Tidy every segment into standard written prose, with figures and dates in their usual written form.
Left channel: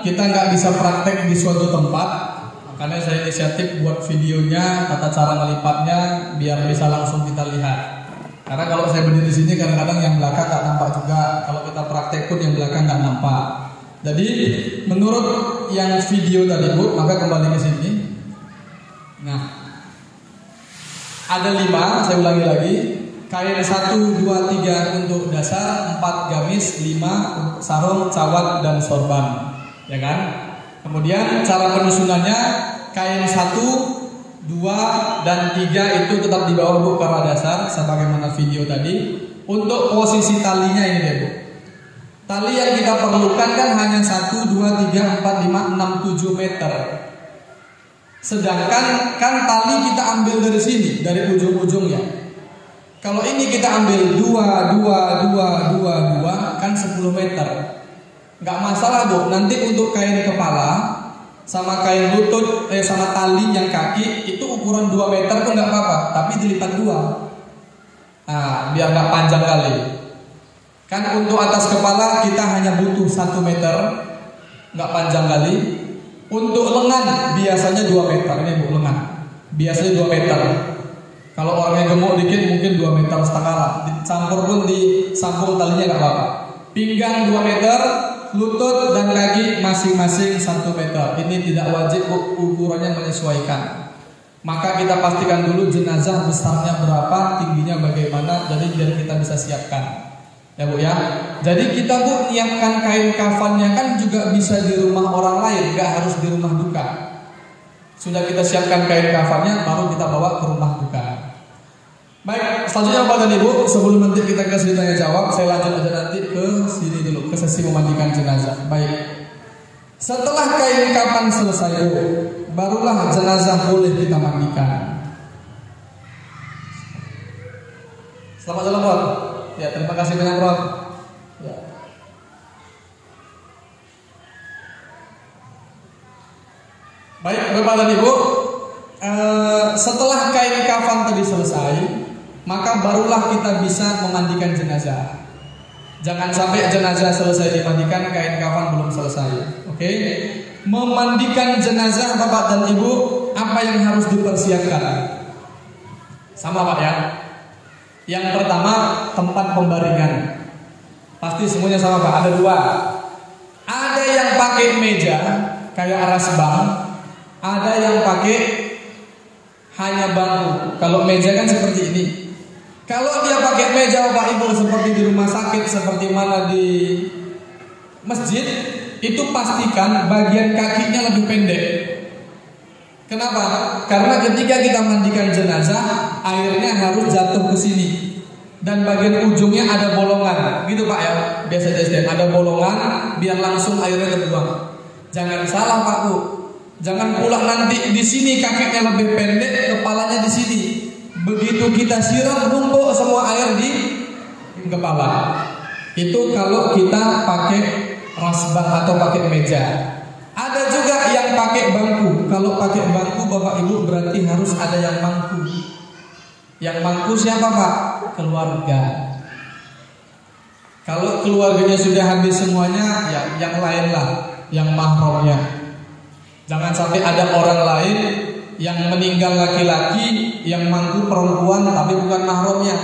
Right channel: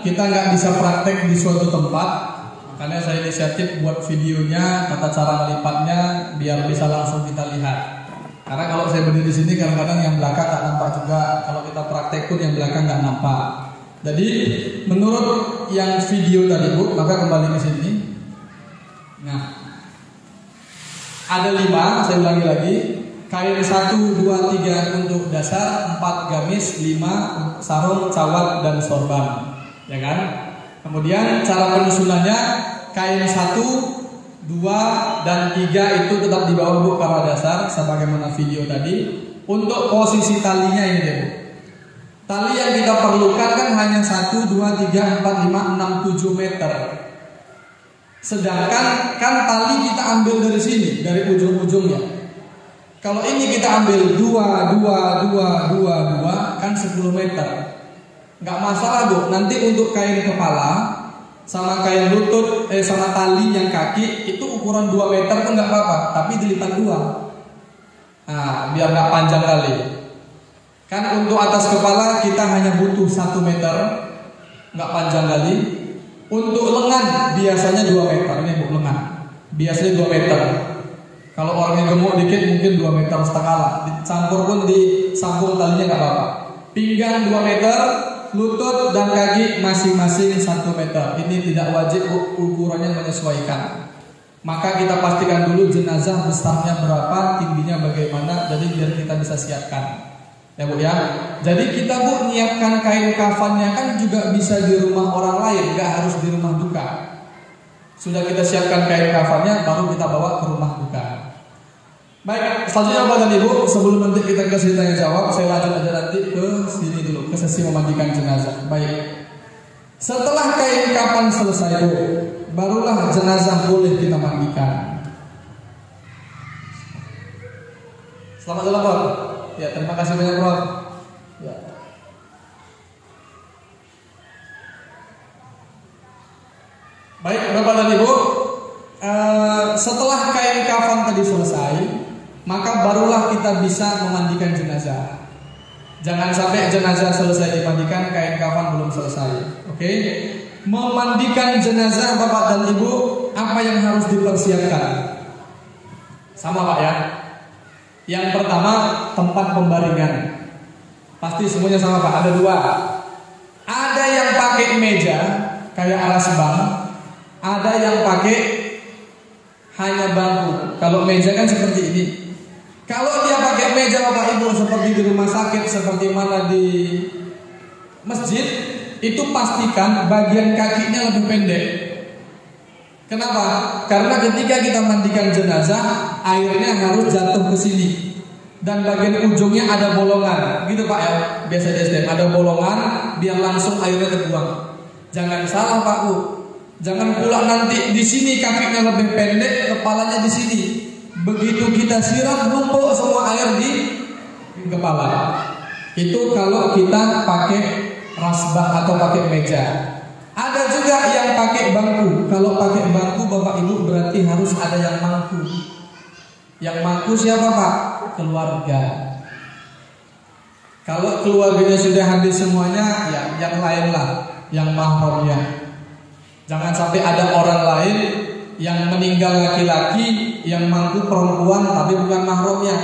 kita nggak bisa praktek di suatu tempat, makanya saya inisiatif buat videonya, tata cara melipatnya, biar bisa langsung kita lihat. Karena kalau saya berdiri di sini kadang-kadang yang belakang nggak nampak juga. Kalau kita praktek pun yang belakang nggak nampak. Jadi menurut yang video tadi Bu, maka kembali ke sini. Nah, ada 5, saya ulangi lagi. Kain 1, 2, 3 untuk dasar, 4 gamis, 5 sarung, cawat, dan sorban, ya kan? Kemudian cara penyusunannya, kain 1, 2, dan 3 itu tetap di bawah Bu para dasar, sebagaimana video tadi. Untuk posisi talinya ini deh Bu. Tali yang kita perlukan kan hanya 1, 2, 3, 4, 5, 6, 7 meter. Sedangkan kan tali kita ambil dari sini, dari ujung-ujungnya. Kalau ini kita ambil 2, 2, 2, 2, 2 kan 10 meter. Nggak masalah Bu, nanti untuk kain kepala sama kain lutut, sama tali yang kaki itu ukuran 2 meter pun nggak apa-apa, tapi dilipat 2. Nah, biar nggak panjang kali. Kan untuk atas kepala kita hanya butuh 1 meter, nggak panjang kali. Untuk lengan biasanya 2 meter, ini Bu lengan. Biasanya 2 meter. Kalau orang yang gemuk dikit mungkin 2,5 meter. Dicampur pun disambung talinya nggak apa-apa. Pinggang 2 meter, lutut dan kaki masing-masing 1 meter. Ini tidak wajib ukurannya menyesuaikan. Maka kita pastikan dulu jenazah besarnya berapa, tingginya bagaimana, jadi biar kita bisa siapkan. Ya Bu ya. Jadi kita Bu menyiapkan kain kafannya kan juga bisa di rumah orang lain, nggak harus di rumah duka. Sudah kita siapkan kain kafannya, baru kita bawa ke rumah duka. Baik, selanjutnya apa tadi Bu? Sebelum nanti kita ke sini tanya jawab, saya lanjut aja nanti ke sini dulu, ke sesi memandikan jenazah. Baik. Setelah kain kafan selesai Bu, barulah jenazah boleh kita mandikan. Selamat datang Prof. Ya, terima kasih banyak Prof. Ya. Baik, Bapak dan Ibu, setelah kain kafan tadi selesai, maka barulah kita bisa memandikan jenazah. Jangan sampai jenazah selesai dimandikan, kain kafan belum selesai. Oke? Memandikan jenazah Bapak dan Ibu, apa yang harus dipersiapkan? Sama Pak ya. Yang pertama, tempat pembaringan. Pasti semuanya sama Pak, ada 2. Ada yang pakai meja kayak alas bank, ada yang pakai hanya bangku. Kalau meja kan seperti ini. Kalau dia pakai meja Bapak Ibu seperti di rumah sakit, seperti mana di masjid, itu pastikan bagian kakinya lebih pendek. Kenapa? Karena ketika kita mandikan jenazah, airnya harus jatuh ke sini. Dan bagian ujungnya ada bolongan. Gitu Pak ya, biasa di SDM ada bolongan, biar langsung airnya terbuang. Jangan salah Pak Bu. Jangan pula nanti di sini kakinya lebih pendek, kepalanya di sini. Begitu kita siram, numpuk semua air di kepala. Itu kalau kita pakai rasbah atau pakai meja. Ada juga yang pakai bangku. Kalau pakai bangku Bapak Ibu berarti harus ada yang mangku. Yang mangku siapa Pak? Keluarga. Kalau keluarganya sudah habis semuanya, ya yang lain lah, yang mahramnya. Jangan sampai ada orang lain yang meninggal laki-laki, yang mangku perempuan tapi bukan mahramnya.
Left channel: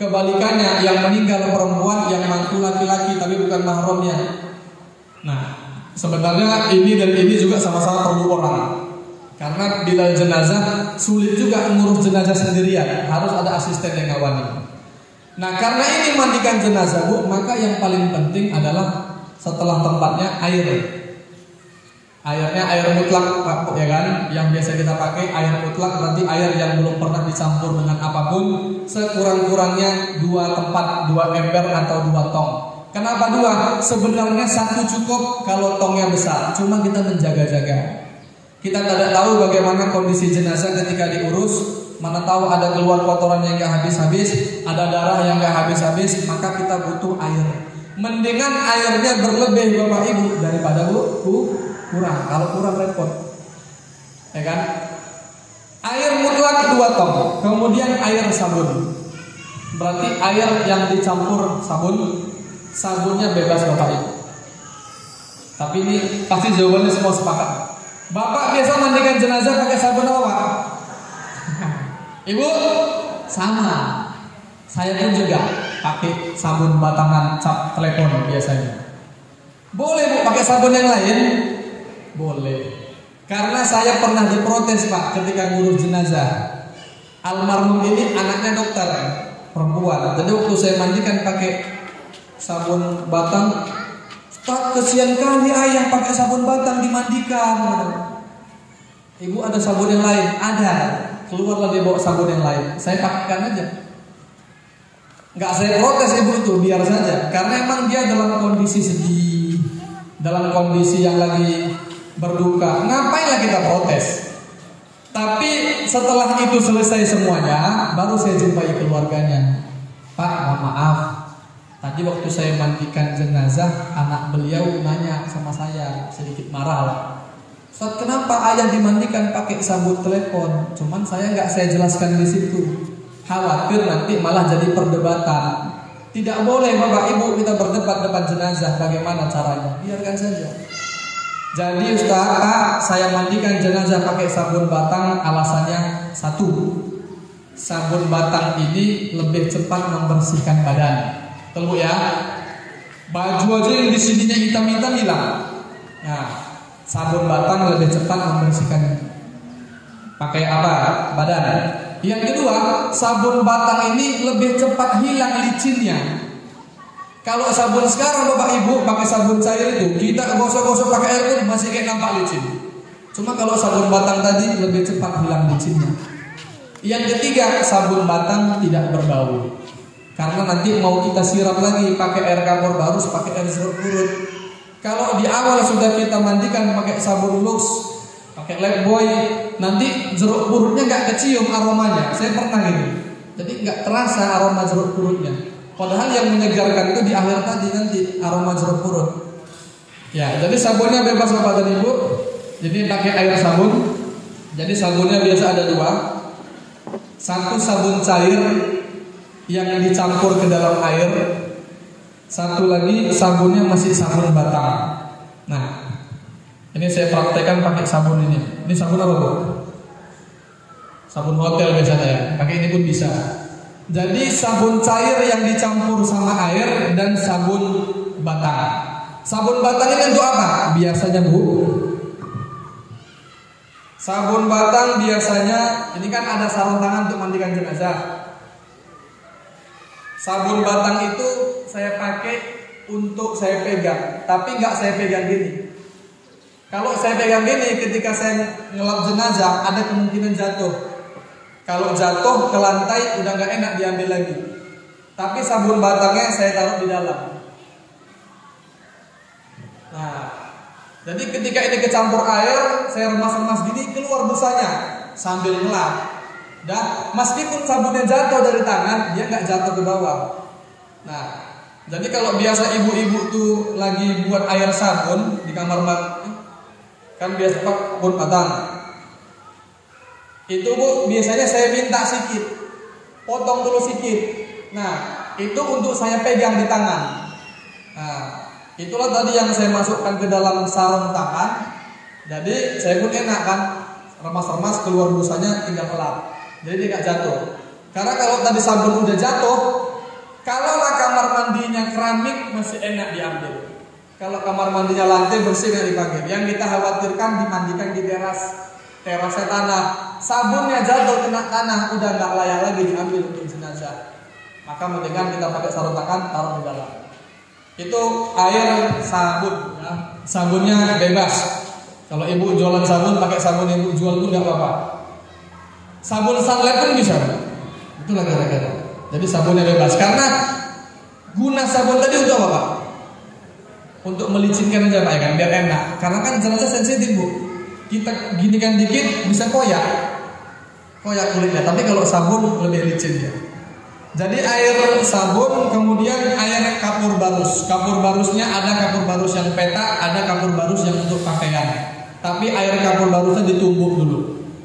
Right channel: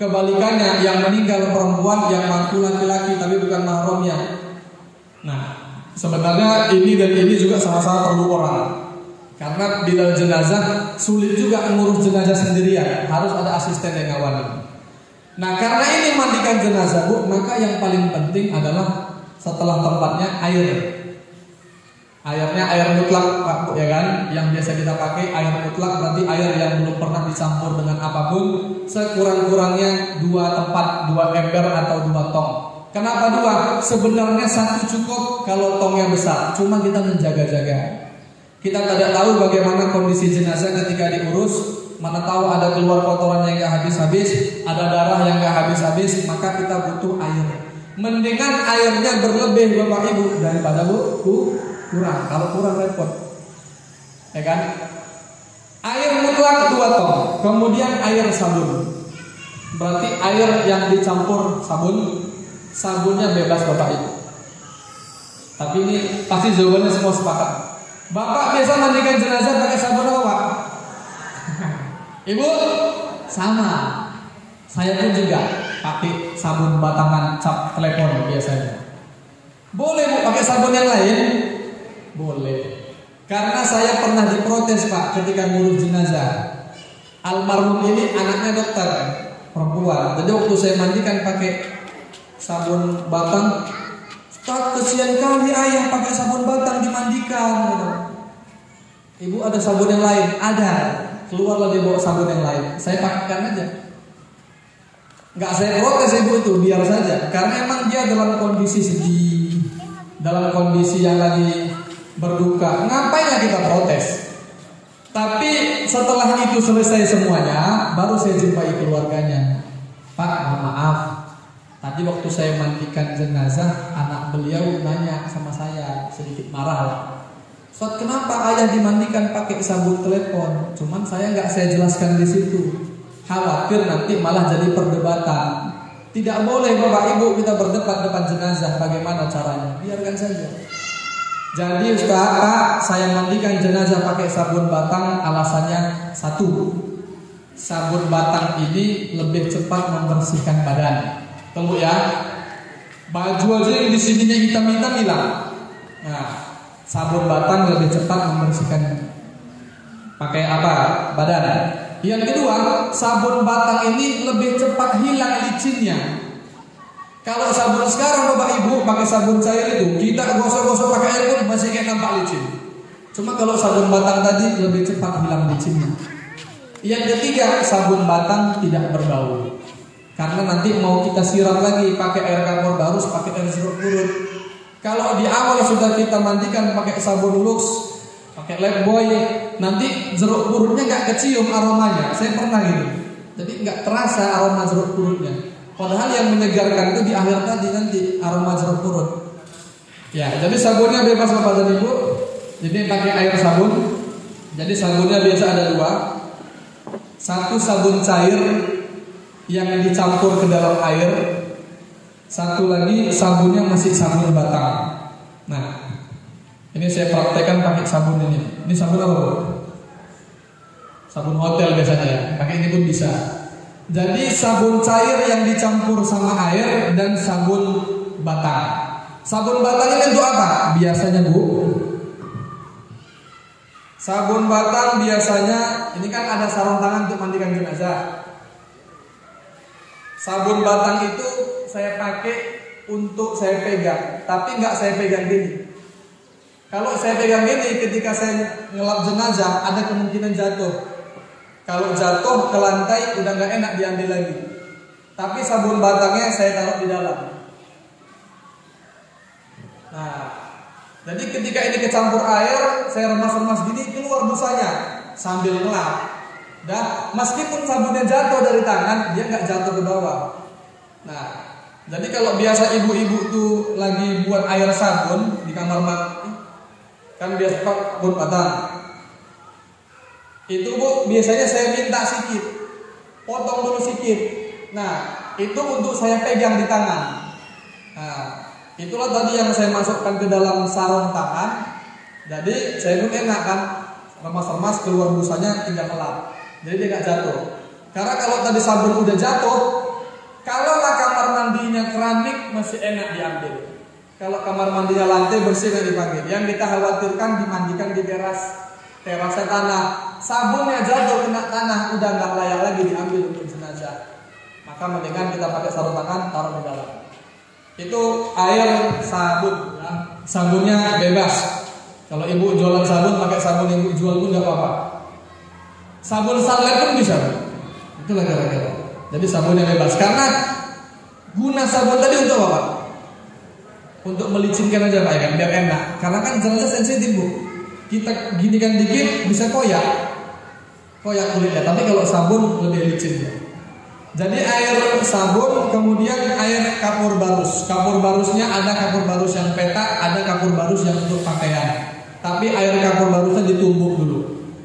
Kebalikannya, yang meninggal perempuan, yang mangku laki-laki tapi bukan mahramnya. Nah, sebenarnya ini dan ini juga sama-sama perlu orang. Karena bila jenazah sulit juga mengurus jenazah sendirian, harus ada asisten yang ngawani. Nah, karena ini mandikan jenazah Bu, maka yang paling penting adalah setelah tempatnya air. Airnya air mutlak Pak, ya kan? Yang biasa kita pakai air mutlak, berarti air yang belum pernah dicampur dengan apapun. Sekurang-kurangnya 2 tempat, 2 ember atau 2 tong. Kenapa 2? Sebenarnya 1 cukup kalau tongnya besar, cuma kita menjaga-jaga. Kita tidak tahu bagaimana kondisi jenazah ketika diurus. Mana tahu ada keluar kotoran yang gak habis-habis, ada darah yang gak habis-habis, maka kita butuh air. Mendingan airnya berlebih Bapak Ibu daripada kurang. Kalau kurang repot, ya kan? Air mutlak 2 tong. Kemudian air sabun. Berarti air yang dicampur sabun, sabunnya bebas Bapak Ibu. Tapi ini pasti jawabannya semua sepakat. Bapak biasa mandikan jenazah pakai sabun apa, Pak? Ibu? Sama. Saya pun juga pakai sabun batangan cap telepon biasanya. Boleh Bu pakai sabun yang lain? Boleh. Karena saya pernah diprotes Pak ketika ngurus jenazah. Almarhum ini anaknya dokter perempuan. Jadi waktu saya mandikan pakai sabun batang, tak kesian kali ayah pakai sabun batang dimandikan. Ibu ada sabun yang lain? Ada. Keluarlah dia bawa sabun yang lain. Saya pakaikan aja. Nggak saya protes ibu tuh, biar saja. Karena emang dia dalam kondisi sedih, dalam kondisi yang lagi berduka. Ngapain ya kita protes? Tapi setelah itu selesai semuanya, baru saya jumpai keluarganya. Pak, mohon maaf. Tadi waktu saya mandikan jenazah, anak beliau nanya sama saya, sedikit marah. Ustaz, kenapa ayah dimandikan pakai sabun telepon? Cuman saya jelaskan di situ. Khawatir nanti malah jadi perdebatan. Tidak boleh Bapak Ibu kita berdebat depan jenazah. Bagaimana caranya? Biarkan saja. Jadi Ustaz, Pak, saya mandikan jenazah pakai sabun batang. Alasannya satu, sabun batang ini lebih cepat membersihkan badan. Tunggu ya. Baju aja yang di sininya hitam-hitam hilang. Nah, sabun batang lebih cepat membersihkan pakai apa? Badan. Yang kedua, sabun batang ini lebih cepat hilang licinnya. Kalau sabun sekarang Bapak Ibu pakai sabun cair itu, kita gosok-gosok pakai air pun masih kayak nampak licin. Cuma kalau sabun batang tadi lebih cepat hilang licinnya. Yang ketiga, sabun batang tidak berbau. Karena nanti mau kita siram lagi pakai air kapur baru, pakai air jeruk purut. Kalau di awal sudah kita mandikan pakai sabun Lux, pakai Lifebuoy, nanti jeruk purutnya nggak kecium aromanya. Saya pernah gitu. Jadi nggak terasa aroma jeruk purutnya. Padahal yang menyegarkan itu di akhir tadi nanti aroma jeruk purut. Ya, jadi sabunnya bebas Bapak dan Ibu. Jadi pakai air sabun. Jadi sabunnya biasa ada dua. Satu sabun cair yang dicampur ke dalam air. Satu lagi sabunnya masih sabun batang. Nah, ini saya praktekkan pakai sabun ini. Ini sabun apa Bu? Sabun hotel biasanya ya. Pakai ini pun bisa. Jadi sabun cair yang dicampur sama air dan sabun batang. Sabun batang itu untuk apa? Biasanya Bu, sabun batang biasanya ini kan ada sarung tangan untuk mandikan jenazah. Sabun batang itu saya pakai untuk saya pegang, tapi nggak saya pegang gini. Kalau saya pegang gini, ketika saya ngelap jenazah ada kemungkinan jatuh. Kalau jatuh ke lantai udah nggak enak diambil lagi. Tapi sabun batangnya saya taruh di dalam. Nah, jadi ketika ini kecampur air, saya remas-remas gini, keluar busanya sambil ngelap. Dan meskipun sabunnya jatuh dari tangan, dia nggak jatuh ke bawah. Nah, jadi kalau biasa ibu-ibu tuh lagi buat air sabun di kamar mandi, kan biasa pakai sabun batang. Itu Bu, biasanya saya minta sedikit, potong dulu sedikit. Nah, itu untuk saya pegang di tangan. Nah, itulah tadi yang saya masukkan ke dalam sarung tangan. Jadi saya pun enak kan, remas-remas keluar busanya tinggal kelap. Jadi dia gak jatuh. Karena kalau tadi sabun udah jatuh, kalau kamar mandinya keramik masih enak diambil. Kalau kamar mandinya lantai bersih nggak dipakai. Yang kita khawatirkan dimandikan di terasnya tanah. Sabunnya jatuh kena tanah, udah nggak layak lagi diambil untuk jenazah. Maka mendingan kita pakai sarung tangan, taruh di dalam. Itu air sabun, ya. Sabunnya bebas. Kalau ibu jualan sabun, pakai sabun yang ibu jual pun nggak apa-apa. Sabun sunlight pun bisa. Itulah kira-kira. Jadi sabunnya bebas. Karena guna sabun tadi untuk apa Pak? Untuk melicinkan aja Pak ya kan, biar enak. Karena kan jenazah sensitif Bu. Kita ginikan dikit bisa koyak kulitnya. Tapi kalau sabun lebih licin ya. Jadi air sabun, kemudian air kapur barus. Kapur barusnya ada kapur barus yang petak, ada kapur barus yang untuk pakaian. Tapi air kapur barusnya ditumbuk dulu.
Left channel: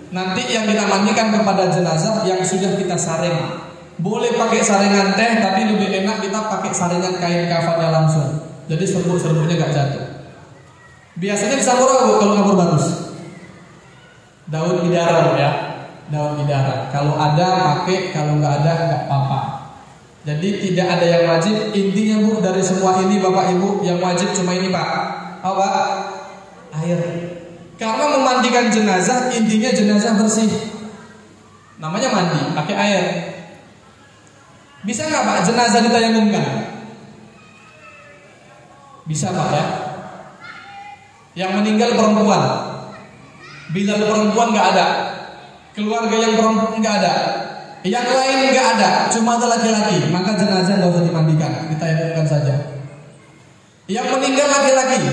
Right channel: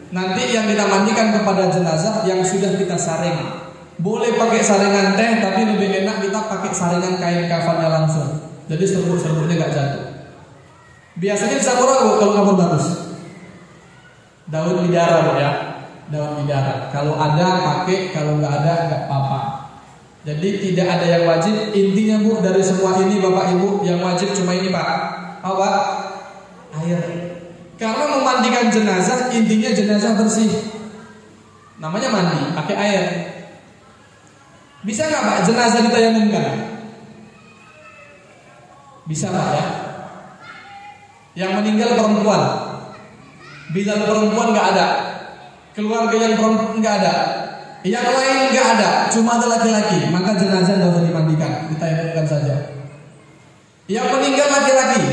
Nanti yang kita mandikan kepada jenazah yang sudah kita saring. Boleh pakai saringan teh, tapi lebih enak kita pakai saringan kain kafannya langsung. Jadi serbuk-serbuknya nggak jatuh. Biasanya dicampur apa kalau kapur barus? Daun bidara ya, daun bidara. Kalau ada pakai, kalau nggak ada nggak apa-apa. Jadi tidak ada yang wajib. Intinya Bu, dari semua ini Bapak Ibu, yang wajib cuma ini Pak. Apa? Air. Karena memandikan jenazah, intinya jenazah bersih. Namanya mandi, pakai air. Bisa nggak Pak jenazah ditayamumkan? Bisa Pak ya. Yang meninggal perempuan. Bila perempuan nggak ada, keluarga yang perempuan nggak ada, yang lain nggak ada, cuma ada laki-laki, maka jenazah tidak usah dimandikan, ditayamumkan saja. Yang meninggal laki-laki,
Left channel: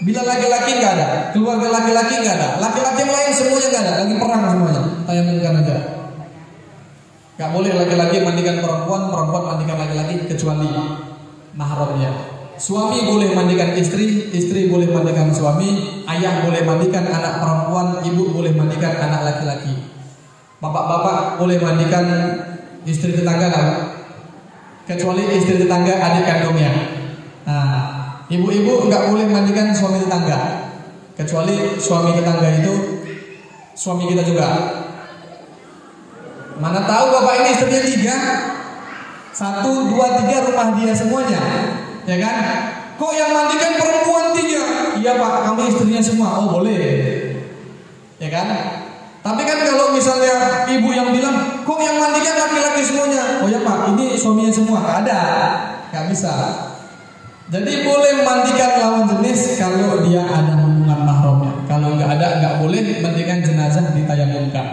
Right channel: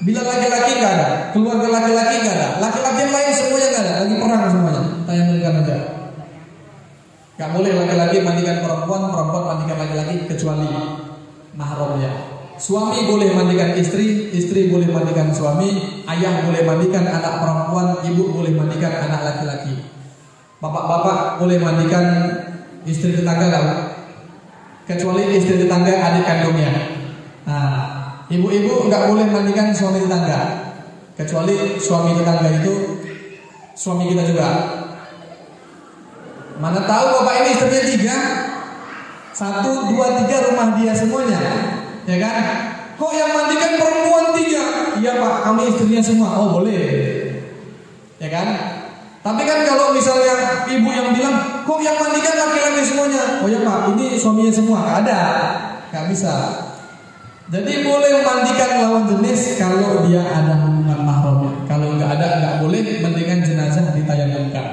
bila laki-laki nggak ada, keluarga laki-laki nggak ada, laki-laki yang lain semuanya nggak ada, lagi perang semuanya, tayamumkan aja. Nggak boleh laki-laki mandikan perempuan, perempuan mandikan laki-laki kecuali mahramnya. Suami boleh mandikan istri, istri boleh mandikan suami, ayah boleh mandikan anak perempuan, ibu boleh mandikan anak laki-laki. Bapak-bapak boleh mandikan istri tetangga kan? Kecuali istri tetangga adik kandungnya. Nah, ibu-ibu nggak boleh mandikan suami tetangga, kecuali suami tetangga itu suami kita juga. Mana tahu bapak ini istrinya 3, 1, 2, 3 rumah dia semuanya. Ya kan? Kok yang mandikan perempuan 3? Iya Pak, kami istrinya semua. Oh boleh. Ya kan? Tapi kan kalau misalnya ibu yang bilang, kok yang mandikan laki-laki semuanya? Oh ya Pak, ini suaminya semua. Gak ada. Gak bisa. Jadi boleh mandikan lawan jenis kalau dia ada hubungan mahramnya. Kalau nggak ada, nggak boleh mandikan jenazah ditayamumkan.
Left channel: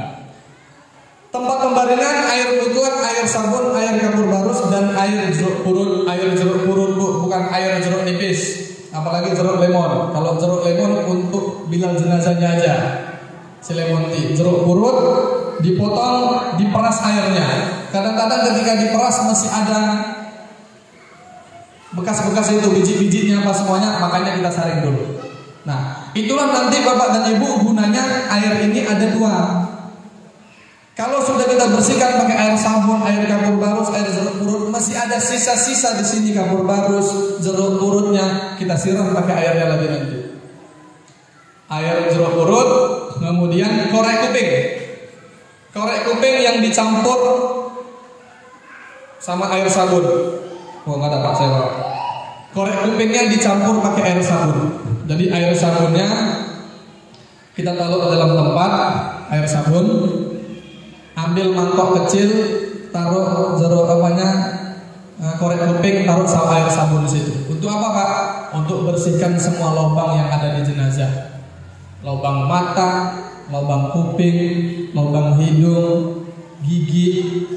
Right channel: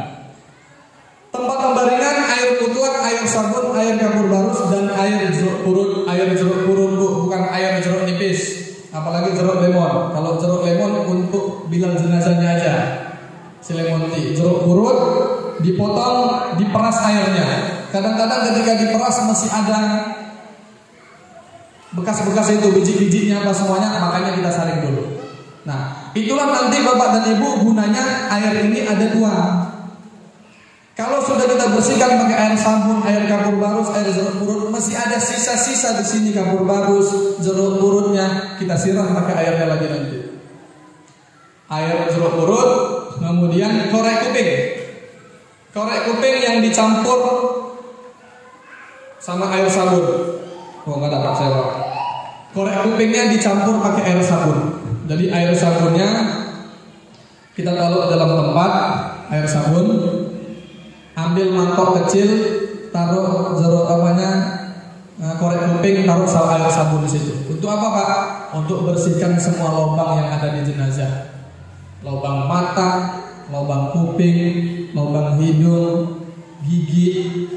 Tempat pembaringan air wudu, air sabun, air kapur barus, dan air jeruk purut. Air jeruk purut Bu, bukan air jeruk nipis. Apalagi jeruk lemon. Kalau jeruk lemon untuk bilal jenazahnya aja. Selimuti. Jeruk purut dipotong, diperas airnya. Kadang-kadang ketika diperas masih ada bekas-bekas itu, biji-bijinya apa semuanya, makanya kita saring dulu. Nah, itulah nanti Bapak dan Ibu gunanya air ini ada 2. Kalau sudah kita bersihkan pakai air sabun, air kapur barus, air jeruk purut, masih ada sisa-sisa di sini kapur barus, jeruk purutnya, kita siram pakai airnya lagi nanti. Air jeruk purut, kemudian korek kuping. Korek kuping yang dicampur sama air sabun. Oh nggak dapat saya. Korek kupingnya dicampur pakai air sabun. Jadi air sabunnya kita taruh dalam tempat air sabun. Ambil mangkok kecil, taruh jeruk korek kuping, taruh sama air sabun di situ. Untuk apa Pak? Untuk bersihkan semua lubang yang ada di jenazah. Lubang mata, lubang kuping, lubang hidung, gigi.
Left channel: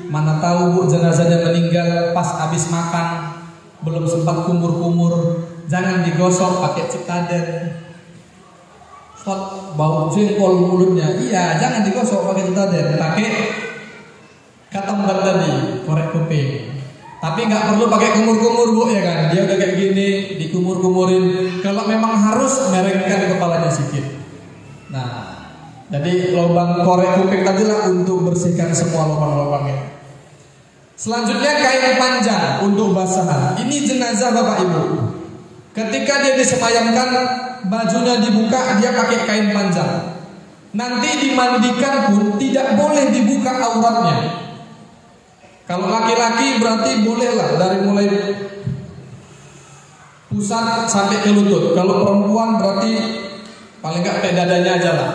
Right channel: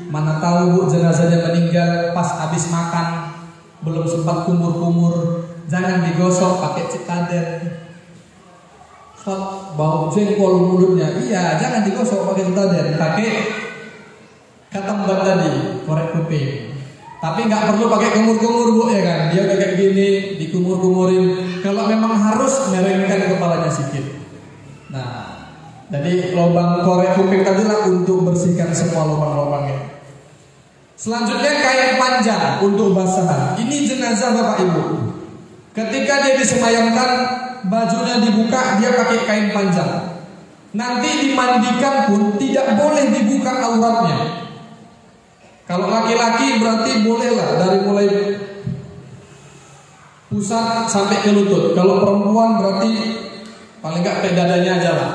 Mana tahu Bu jenazahnya meninggal pas habis makan, belum sempat kumur-kumur. Jangan digosok pakai cikaden. Bau jengkol mulutnya. Iya, jangan digosok pakai cikaden, pakai katambat tadi, korek kuping. Tapi nggak perlu pakai kumur-kumur Bu ya kan? Dia kayak gini, dikumur-kumurin. Kalau memang harus merengkan kepalanya sedikit. Nah, jadi lubang korek kuping tadi lah untuk bersihkan semua lubang-lubangnya. Selanjutnya kain panjang untuk basahan. Ini jenazah Bapak Ibu. Ketika dia disemayamkan, bajunya dibuka, dia pakai kain panjang. Nanti dimandikan pun tidak boleh dibuka auratnya. Kalau laki-laki berarti bolehlah dari mulai pusat sampai ke lutut. Kalau perempuan berarti paling nggak kayak dadanya aja lah.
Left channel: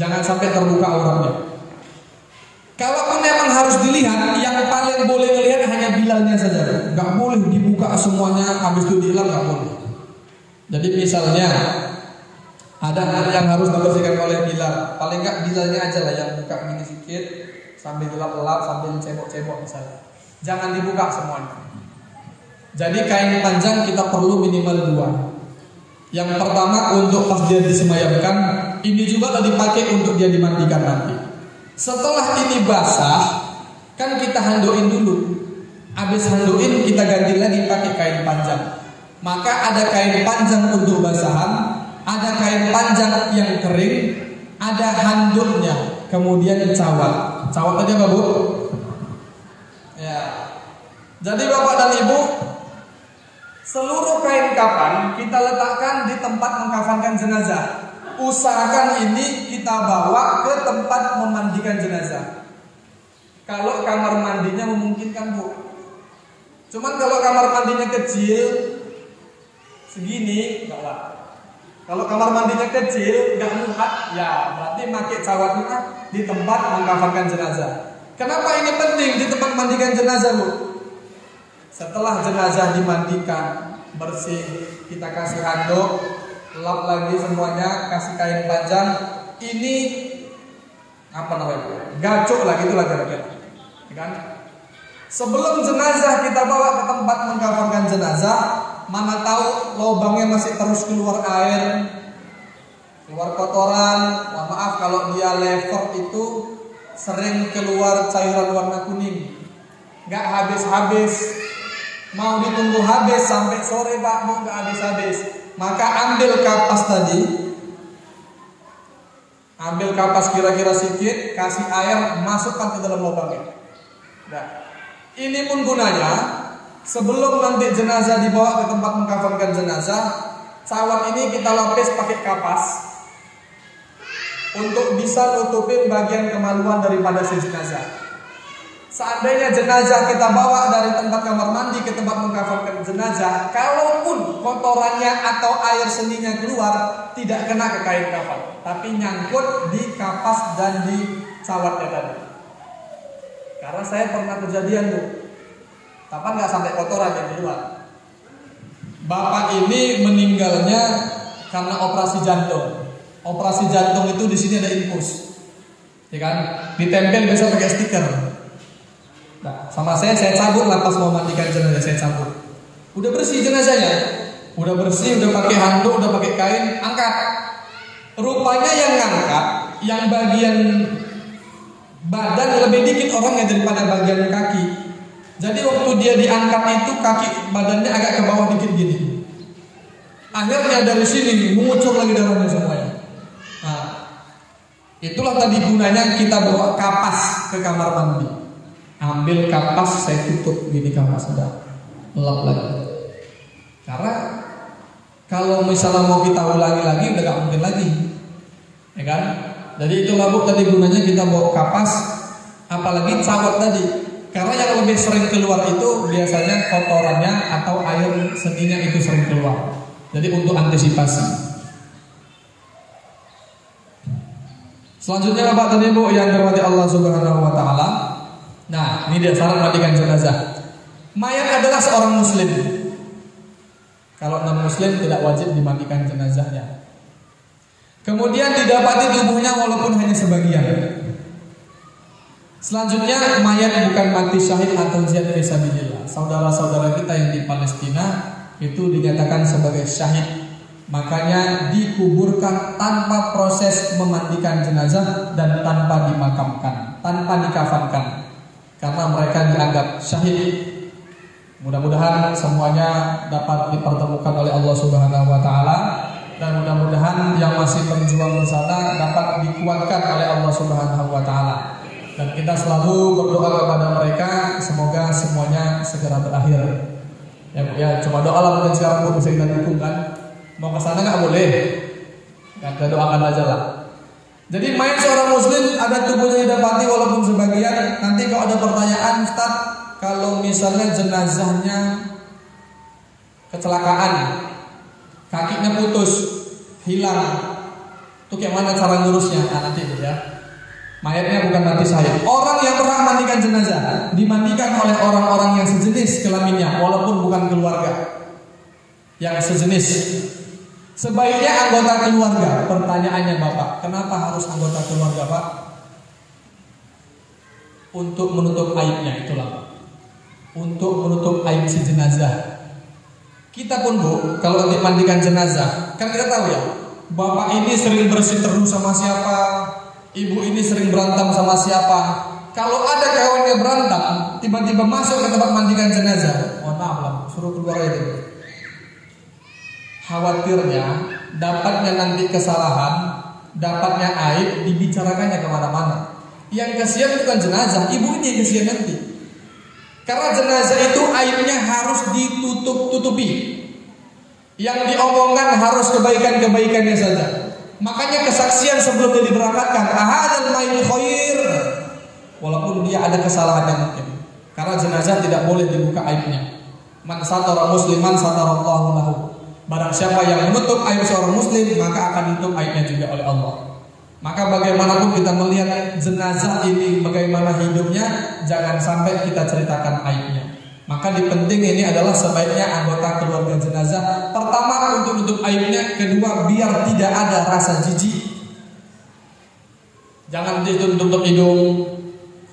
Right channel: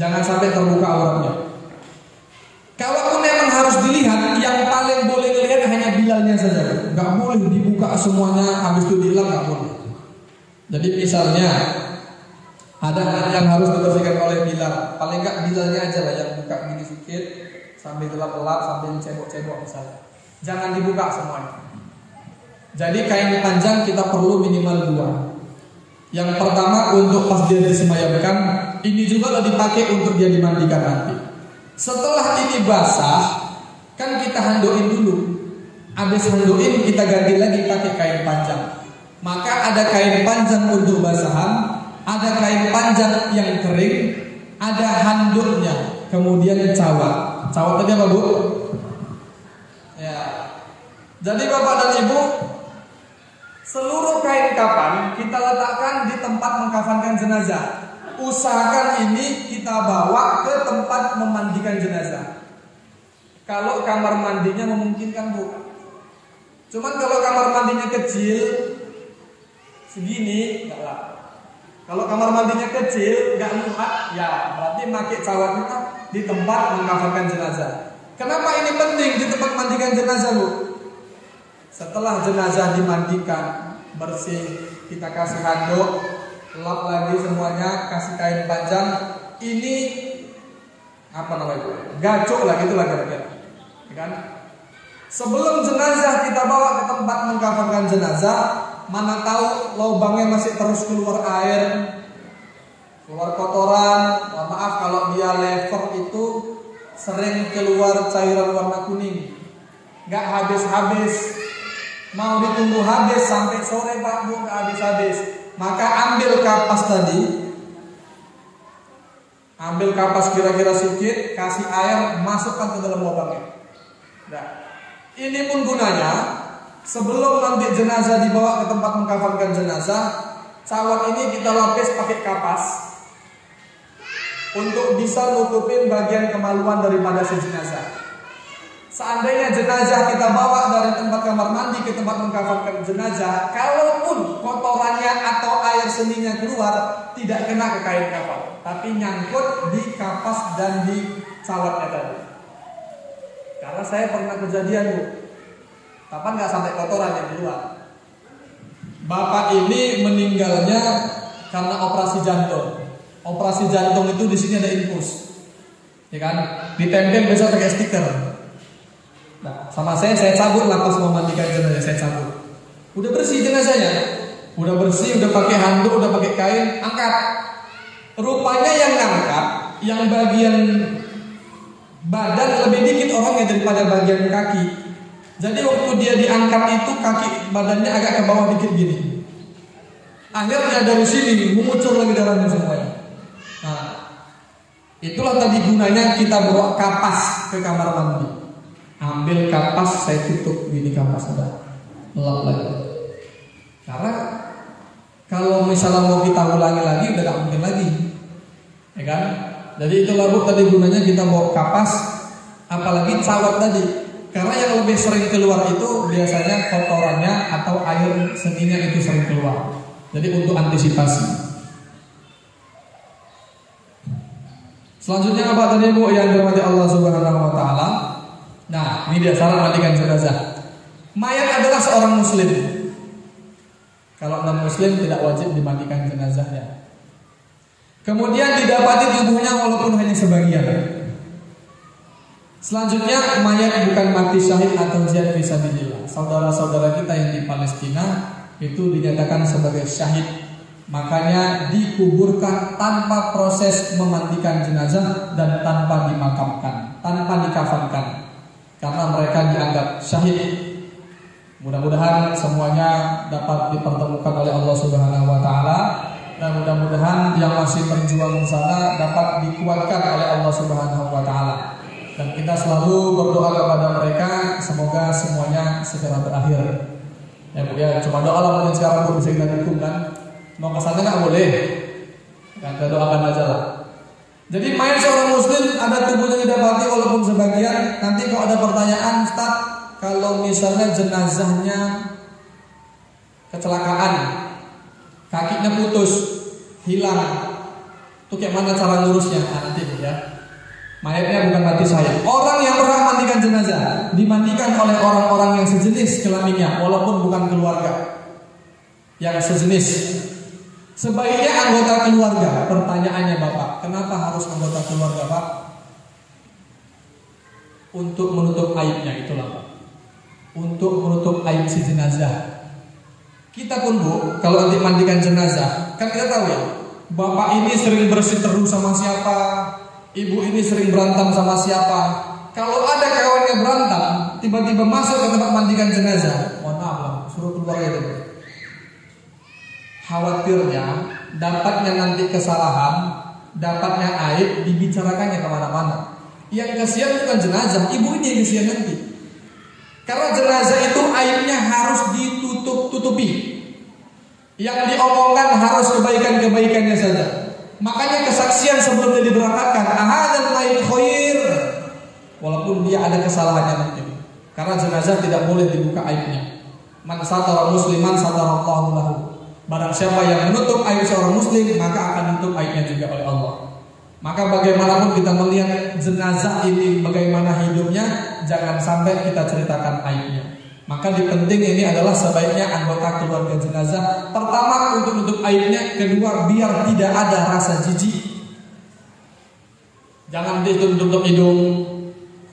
Jangan sampai terbuka auratnya. Kalaupun memang harus dilihat, yang paling boleh lihat hanya bilalnya saja. Nggak boleh dibuka semuanya, habis itu dihilang nggak boleh. Jadi misalnya ada yang harus dibersihkan oleh bilal, paling nggak bilalnya aja lah yang buka gini sedikit, sambil gelap-gelap, sambil cebok-cebok misalnya. Jangan dibuka semuanya. Jadi kain panjang kita perlu minimal 2. Yang pertama untuk pas dia disemayamkan, ini juga dipakai untuk dia dimandikan nanti. Setelah ini basah, kan kita handoin dulu. Habis handoin kita ganti lagi pakai kain panjang. Maka ada kain panjang untuk basahan, ada kain panjang yang kering, ada handuknya, kemudian cawat. Cawat tadi apa Bu? Ya. Jadi Bapak dan Ibu, seluruh kain kafan kita letakkan di tempat mengkafankan jenazah. Usahakan ini kita bawa ke tempat memandikan jenazah. Kalau kamar mandinya memungkinkan, Bu. Cuman kalau kamar mandinya kecil segini, enggak lah. Kalau kamar mandinya kecil, enggak muat, ya berarti pakai cawatnya di tempat mengkafankan jenazah. Kenapa ini penting di tempat mandikan jenazah, Bu? Setelah jenazah dimandikan bersih, kita kasih handuk, lap lagi semuanya, kasih kain panjang. Ini apa namanya? Gacok lah, gitulah kira-kira. Kan? Sebelum jenazah kita bawa ke tempat mengkafankan jenazah, mana tahu lubangnya masih terus keluar air, keluar kotoran. Mohon maaf kalau dia lever itu sering keluar cairan warna kuning, nggak habis-habis. Mau ditunggu habis sampai sore, Pak, Bu, nggak habis-habis. Maka ambil kapas tadi, ambil kapas kira-kira sedikit, kasih air, masukkan ke dalam lubangnya. Nah, ini pun gunanya sebelum nanti jenazah dibawa ke tempat mengkafankan jenazah, cawat ini kita lapis pakai kapas untuk bisa nutupin bagian kemaluan daripada si jenazah. Seandainya jenazah kita bawa dari tempat kamar mandi ke tempat mengkafankan jenazah, kalaupun kotorannya atau air seninya keluar, tidak kena ke kain kafan, tapi nyangkut di kapas dan di cawatnya tadi. Karena saya pernah kejadian, Bu, kapan nggak sampai kotoran yang di luar. Bapak ini meninggalnya karena operasi jantung. Operasi jantung itu di sini ada infus, ya kan? Ditempel biasa pakai stiker. Nah, sama saya cabut lah pas mau mandikan jenazah, saya cabut. Udah bersih jenazahnya, udah bersih, udah pakai handuk, udah pakai kain, angkat. Rupanya yang ngangkat, yang bagian badan lebih dikit orangnya daripada bagian kaki. Jadi waktu dia diangkat itu kaki badannya agak ke bawah dikit gini. Akhirnya dari sini mengucur lagi darahnya semuanya. Nah, itulah tadi gunanya kita bawa kapas ke kamar mandi. Ambil kapas, saya tutup gini kapas, sudah lap lagi. Karena kalau misalnya mau kita ulangi lagi udah gak mungkin lagi, ya kan? Jadi itulah, Bu, tadi gunanya kita bawa kapas, apalagi cawat tadi. Karena yang lebih sering keluar itu biasanya kotorannya atau air seninya itu sering keluar. Jadi untuk antisipasi. Selanjutnya apa tadi, Bu, yang dirahmati Allah Subhanahu wa taala? Nah, ini dia syarat mandikan jenazah. Mayat adalah seorang muslim. Kalau non muslim tidak wajib dimandikan jenazahnya. Kemudian didapati tubuhnya walaupun hanya sebagian. Selanjutnya, mayat bukan mati syahid atau jihad fisabilillah. Saudara-saudara kita yang di Palestina itu dinyatakan sebagai syahid, makanya dikuburkan tanpa proses memandikan jenazah dan tanpa dimakamkan, tanpa dikafankan, karena mereka dianggap syahid. Mudah-mudahan semuanya dapat dipertemukan oleh Allah Subhanahu wa taala, dan mudah-mudahan yang masih berjuang sana dapat dikuatkan oleh Allah Subhanahu wa taala. Dan kita selalu berdoa kepada mereka semoga semuanya segera berakhir. Ya, cuma doa lah mungkin sekarang bisa kita dukung kan. Mau ke sana nggak boleh, kita doakan aja lah. Jadi main seorang muslim ada tubuhnya didapati walaupun sebagian. Nanti kalau ada pertanyaan, Ustaz, kalau misalnya jenazahnya kecelakaan, kakinya putus, hilang, itu kayak mana cara ngurusnya? Nah, nanti ya. Mayatnya bukan mati syahid. Orang yang pernah mandikan jenazah dimandikan oleh orang-orang yang sejenis kelaminnya, walaupun bukan keluarga yang sejenis. Sebaiknya anggota keluarga. Pertanyaannya, Bapak, kenapa harus anggota keluarga, Pak? Untuk menutup aibnya, itulah. Untuk menutup aib si jenazah. Kita pun, Bu, kalau nanti mandikan jenazah, kan kita tahu ya, bapak ini sering berseteru sama siapa, ibu ini sering berantem sama siapa. Kalau ada kawannya berantem, tiba-tiba masuk ke tempat mandikan jenazah, mohon maaf lah, suruh keluar aja. Khawatirnya dapatnya nanti kesalahan, dapatnya aib, dibicarakannya kemana-mana. Yang kasihan bukan jenazah, ibu ini yang kasihan nanti. Karena jenazah itu aibnya harus ditutup-tutupi. Yang diomongkan harus kebaikan-kebaikannya saja. Makanya kesaksian sebelum dia diberangkatkan, ahadzal mayyit khair, walaupun dia ada kesalahan yang mungkin. Karena jenazah tidak boleh dibuka aibnya. Man satara musliman satarallahu lahu. Barang siapa yang menutup aib seorang muslim, maka akan ditutup aibnya juga oleh Allah. Maka bagaimanapun kita melihat jenazah ini bagaimana hidupnya, jangan sampai kita ceritakan aibnya. Maka penting ini adalah sebaiknya anggota keluarga jenazah pertama untuk menutup aibnya, kedua biar tidak ada rasa jijik. Jangan ditutup hidung,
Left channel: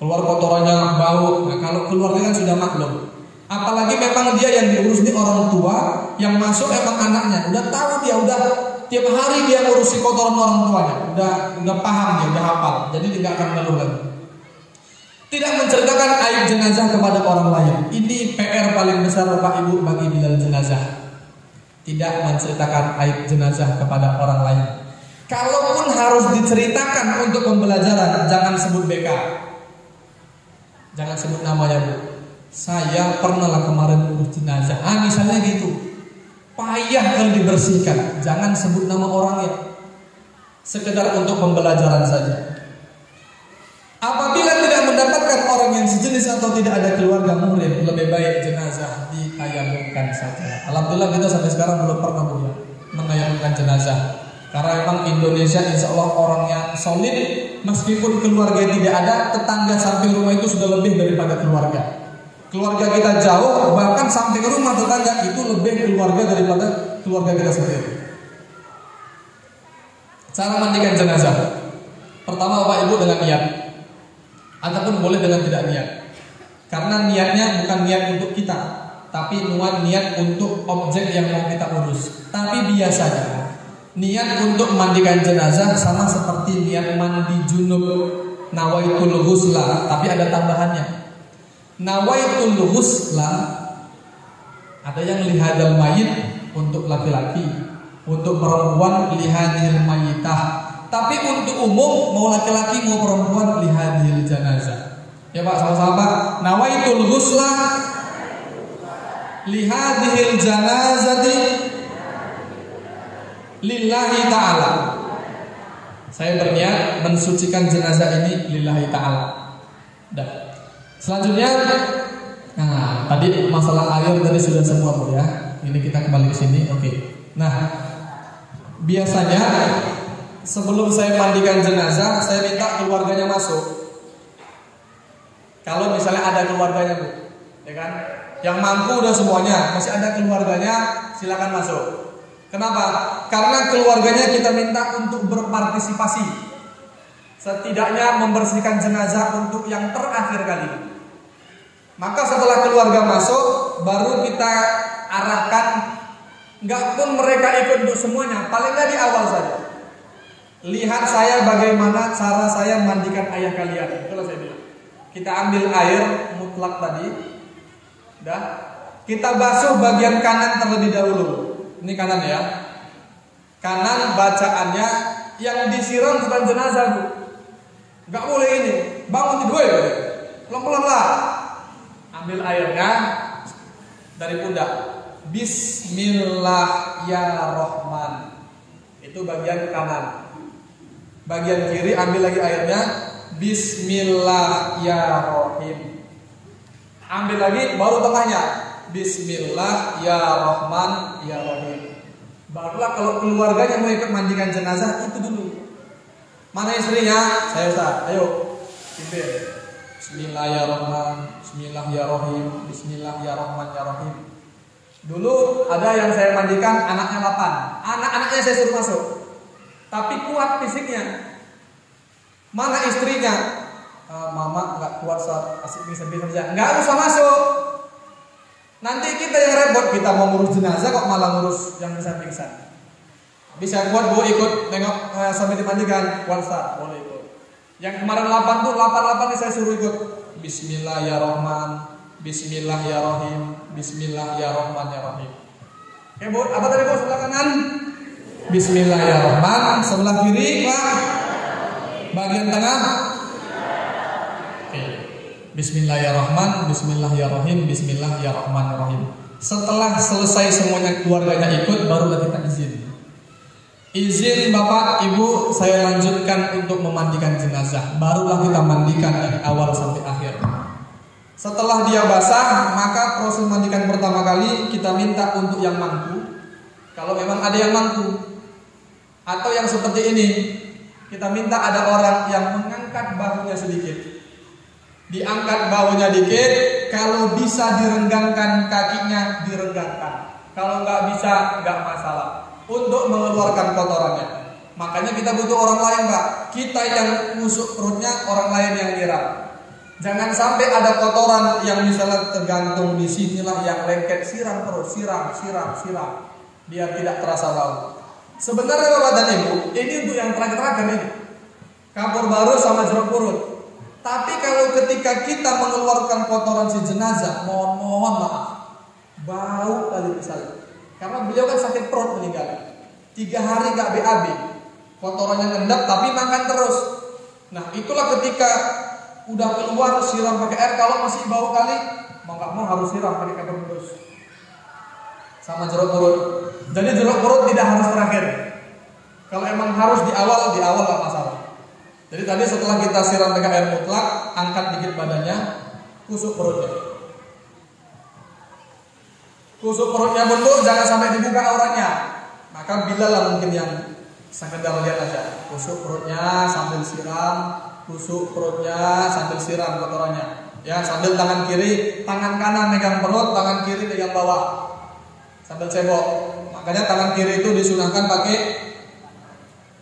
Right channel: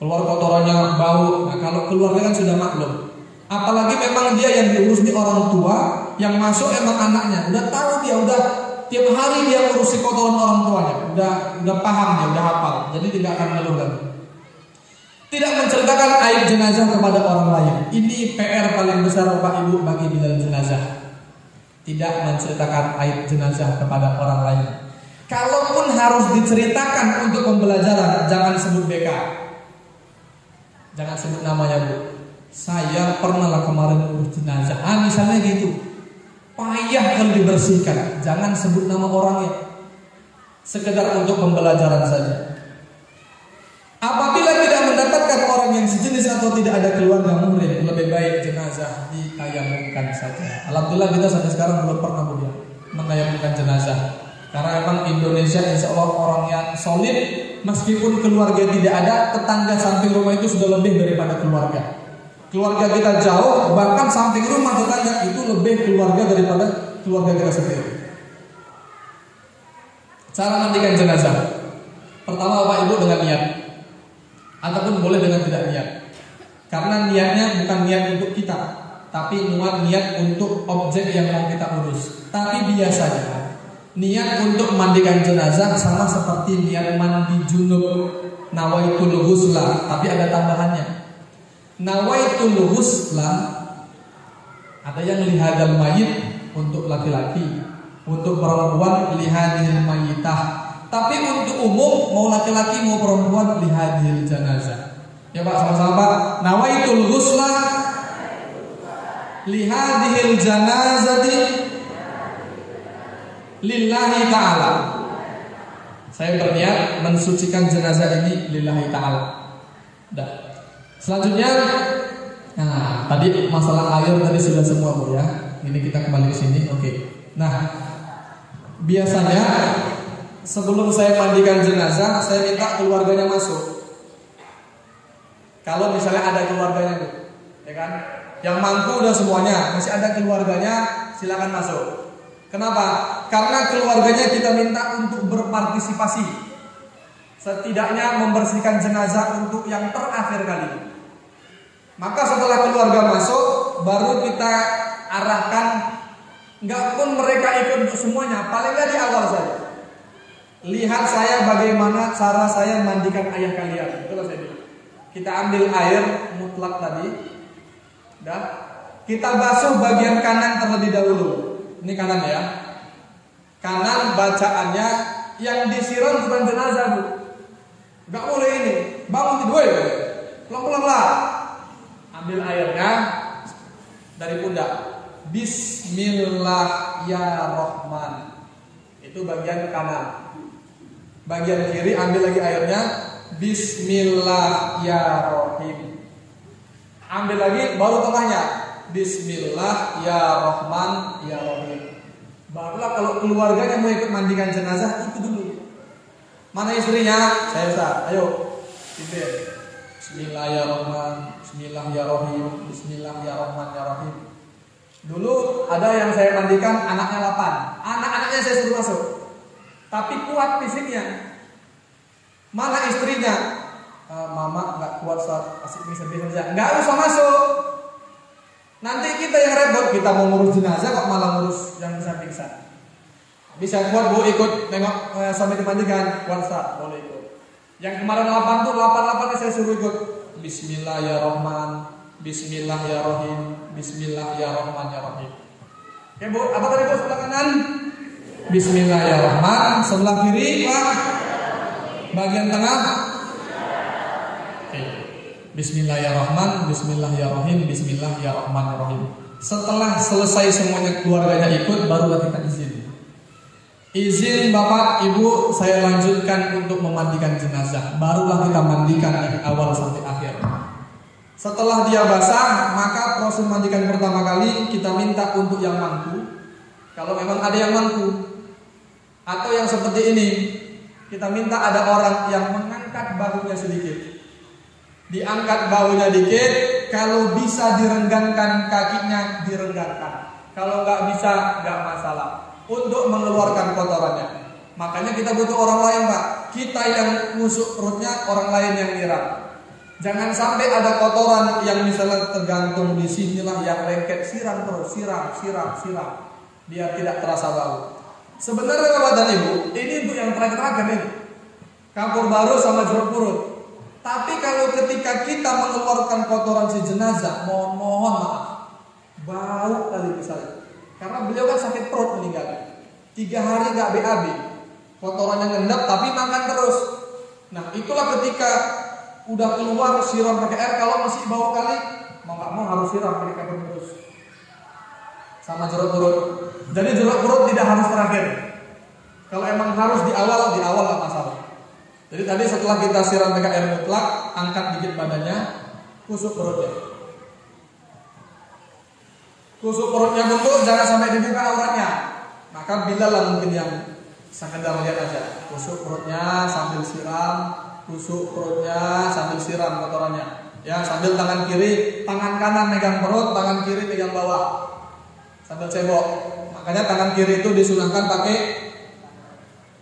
keluar kotorannya bau. Nah, kalau keluarganya sudah maklum. Apalagi memang dia yang diurus ini orang tua, yang masuk emang anaknya. Udah tahu dia, udah tiap hari dia ngurusi kotoran orang tuanya. Udah paham dia, udah hafal. Jadi tidak akan malu lagi. Tidak menceritakan aib jenazah kepada orang lain. Ini PR paling besar Bapak Ibu bagi di dalam jenazah. Tidak menceritakan aib jenazah kepada orang lain. Kalaupun harus diceritakan untuk pembelajaran, jangan sebut BK. Jangan sebut namanya, Bu. Saya pernah kemarin urus jenazah. Misalnya gitu. Payah kalau dibersihkan. Jangan sebut nama orangnya. Sekedar untuk pembelajaran saja. Apabila tidak mendapatkan orang yang sejenis atau tidak ada keluarga muhrim, lebih baik jenazah ditayamumkan saja. Alhamdulillah kita sampai sekarang belum pernah menayamumkan jenazah. Karena memang Indonesia insya Allah orang yang solid. Meskipun keluarga tidak ada, tetangga samping rumah itu sudah lebih daripada keluarga. Keluarga kita jauh, bahkan samping rumah tetangga itu lebih keluarga daripada keluarga kita sendiri. Cara mandikan jenazah. Pertama Bapak Ibu dengan niat. Ataupun boleh dengan tidak niat. Karena niatnya bukan niat untuk kita, tapi niat untuk objek yang mau kita urus. Tapi biasanya niat untuk memandikan jenazah sama seperti niat mandi junub, nawaitul ghusla, tapi ada tambahannya. Nawaitul ghusla ada yang lihadal mayit untuk laki-laki, untuk perempuan lihadil mayitah. Tapi untuk umum mau laki-laki mau perempuan lihadil janazah. Ya Pak, sama-sama. Nawaitul ghusla lihadil janazati lillahi ta'ala. Saya berniat mensucikan jenazah ini lillahi ta'ala. Dah. Selanjutnya, nah tadi masalah air tadi sudah semua Bu ya. Ini kita kembali ke sini. Oke. Nah, biasanya sebelum saya mandikan jenazah, saya minta keluarganya masuk. Kalau misalnya ada keluarganya Bu, ya kan? Yang mampu udah semuanya, masih ada keluarganya, silakan masuk. Kenapa? Karena keluarganya kita minta untuk berpartisipasi, setidaknya membersihkan jenazah untuk yang terakhir kali. Maka setelah keluarga masuk, baru kita arahkan. Nggak pun mereka ikut untuk semuanya, paling nggak di awal saja. Lihat saya bagaimana cara saya mandikan ayah kalian. Itulah saya bilang. Kita ambil air mutlak tadi, dah. Kita basuh bagian kanan terlebih dahulu. Ini kanan ya. Kanan bacaannya yang disiram bukan jenazah Bu. Gak boleh ini. Bangun tidur ya. Pelan-pelan lah. Ambil airnya dari pundak. Bismillahirrahmanirrahim. Itu bagian kanan. Bagian kiri ambil lagi airnya. Bismillahirrahmanirrahim. Ambil lagi baru tengahnya. Bismillahirrahmanirrahim. Barulah kalau keluarganya mau ikut mandikan jenazah itu dulu. Mana istrinya? Saya Ustaz. Ayo. Bismillahirrahmanirrahim. Bismillahirrahmanirrahim. Bismillahirrahmanirrahim. Dulu ada yang saya mandikan anaknya 8. Anak-anaknya saya suruh masuk. Tapi kuat fisiknya. Mana istrinya? Mama nggak kuat saat asik bisa saja. Nggak usah masuk. Nanti kita yang repot, kita mau ngurus jenazah kok malah ngurus yang bisa pingsan. Bisa buat Bu ikut nengok sampai dimandikan, kuat Ustaz, boleh ikut. Yang kemarin 8 tuh 8 saya suruh ikut. Bismillahirrahmanirrahim. Bismillahirrahmanirrahim. Bismillahirrahmanirrahim. Oke Bu, apa tadi Bu sebelah kanan? Bismillahirrahmanirrahim. Sebelah kiri Pak. Bagian tengah. Oke. Bismillahirrahmanirrahim. Bismillahirrahmanirrahim. Bismillahirrahmanirrahim. Setelah selesai semuanya keluarganya ikut, barulah kita izin. Izin Bapak Ibu, saya lanjutkan untuk memandikan jenazah. Barulah kita mandikan dari awal sampai akhir. Setelah dia basah, maka proses mandikan pertama kali kita minta untuk yang mampu. Kalau memang ada yang mampu, atau yang seperti ini, kita minta ada orang yang mengangkat bahunya sedikit. Diangkat bahunya dikit, kalau bisa direnggangkan kakinya, direnggangkan. Kalau nggak bisa, nggak masalah. Untuk mengeluarkan kotorannya. Makanya kita butuh orang lain, Pak. Kita yang musuk perutnya, orang lain yang nyiram. Jangan sampai ada kotoran yang misalnya tergantung di sinilah yang lengket, siram terus, siram. Biar tidak terasa bau. Sebenarnya Bapak dan Ibu, ini untuk yang terakhir ini. Kapur baru sama jeruk purut. Tapi kalau ketika kita mengeluarkan kotoran si jenazah, mohon maaf, bau kali misalnya. Karena beliau kan sakit perut meninggal. 3 hari gak BAB, kotorannya ngendap tapi makan terus. Nah itulah ketika udah keluar siram pakai air. Kalau masih bau kali, mau gak mau harus siram pakai air terus. Sama jeruk purut. Jadi jeruk purut tidak harus terakhir. Kalau emang harus di awal gak masalah. Jadi tadi setelah kita siram pakai air mutlak, angkat dikit badannya, kusuk perutnya. Kusuk perutnya bentuk, jangan sampai dibuka auranya. Maka bilalah mungkin yang sekedar lihat aja. Kusuk perutnya sambil siram, kusuk perutnya sambil siram kotorannya. Ya, sambil tangan kiri, tangan kanan megang perut, tangan kiri pegang bawah. Sambil cebok. Makanya tangan kiri itu disunahkan pakai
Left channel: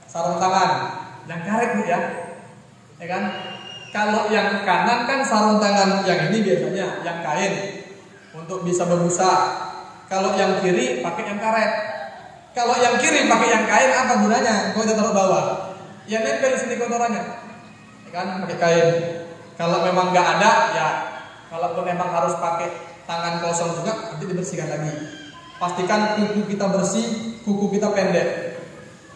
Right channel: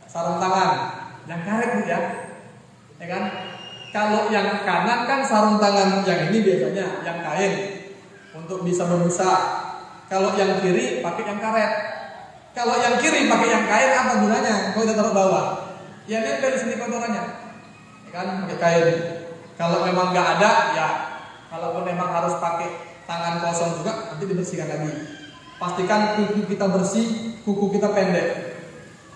sarung tangan. Yang karet Bu ya kan? Kalau yang kanan kan sarung tangan yang ini biasanya yang kain untuk bisa berbusa. Kalau yang kiri pakai yang karet. Kalau yang kiri pakai yang kain apa gunanya? Kalau ditaruh bawah, ya nempel di sini kotorannya, ya kan? Pakai kain. Kalau memang nggak ada, ya kalaupun memang harus pakai tangan kosong juga, nanti dibersihkan lagi. Pastikan kuku kita bersih, kuku kita pendek.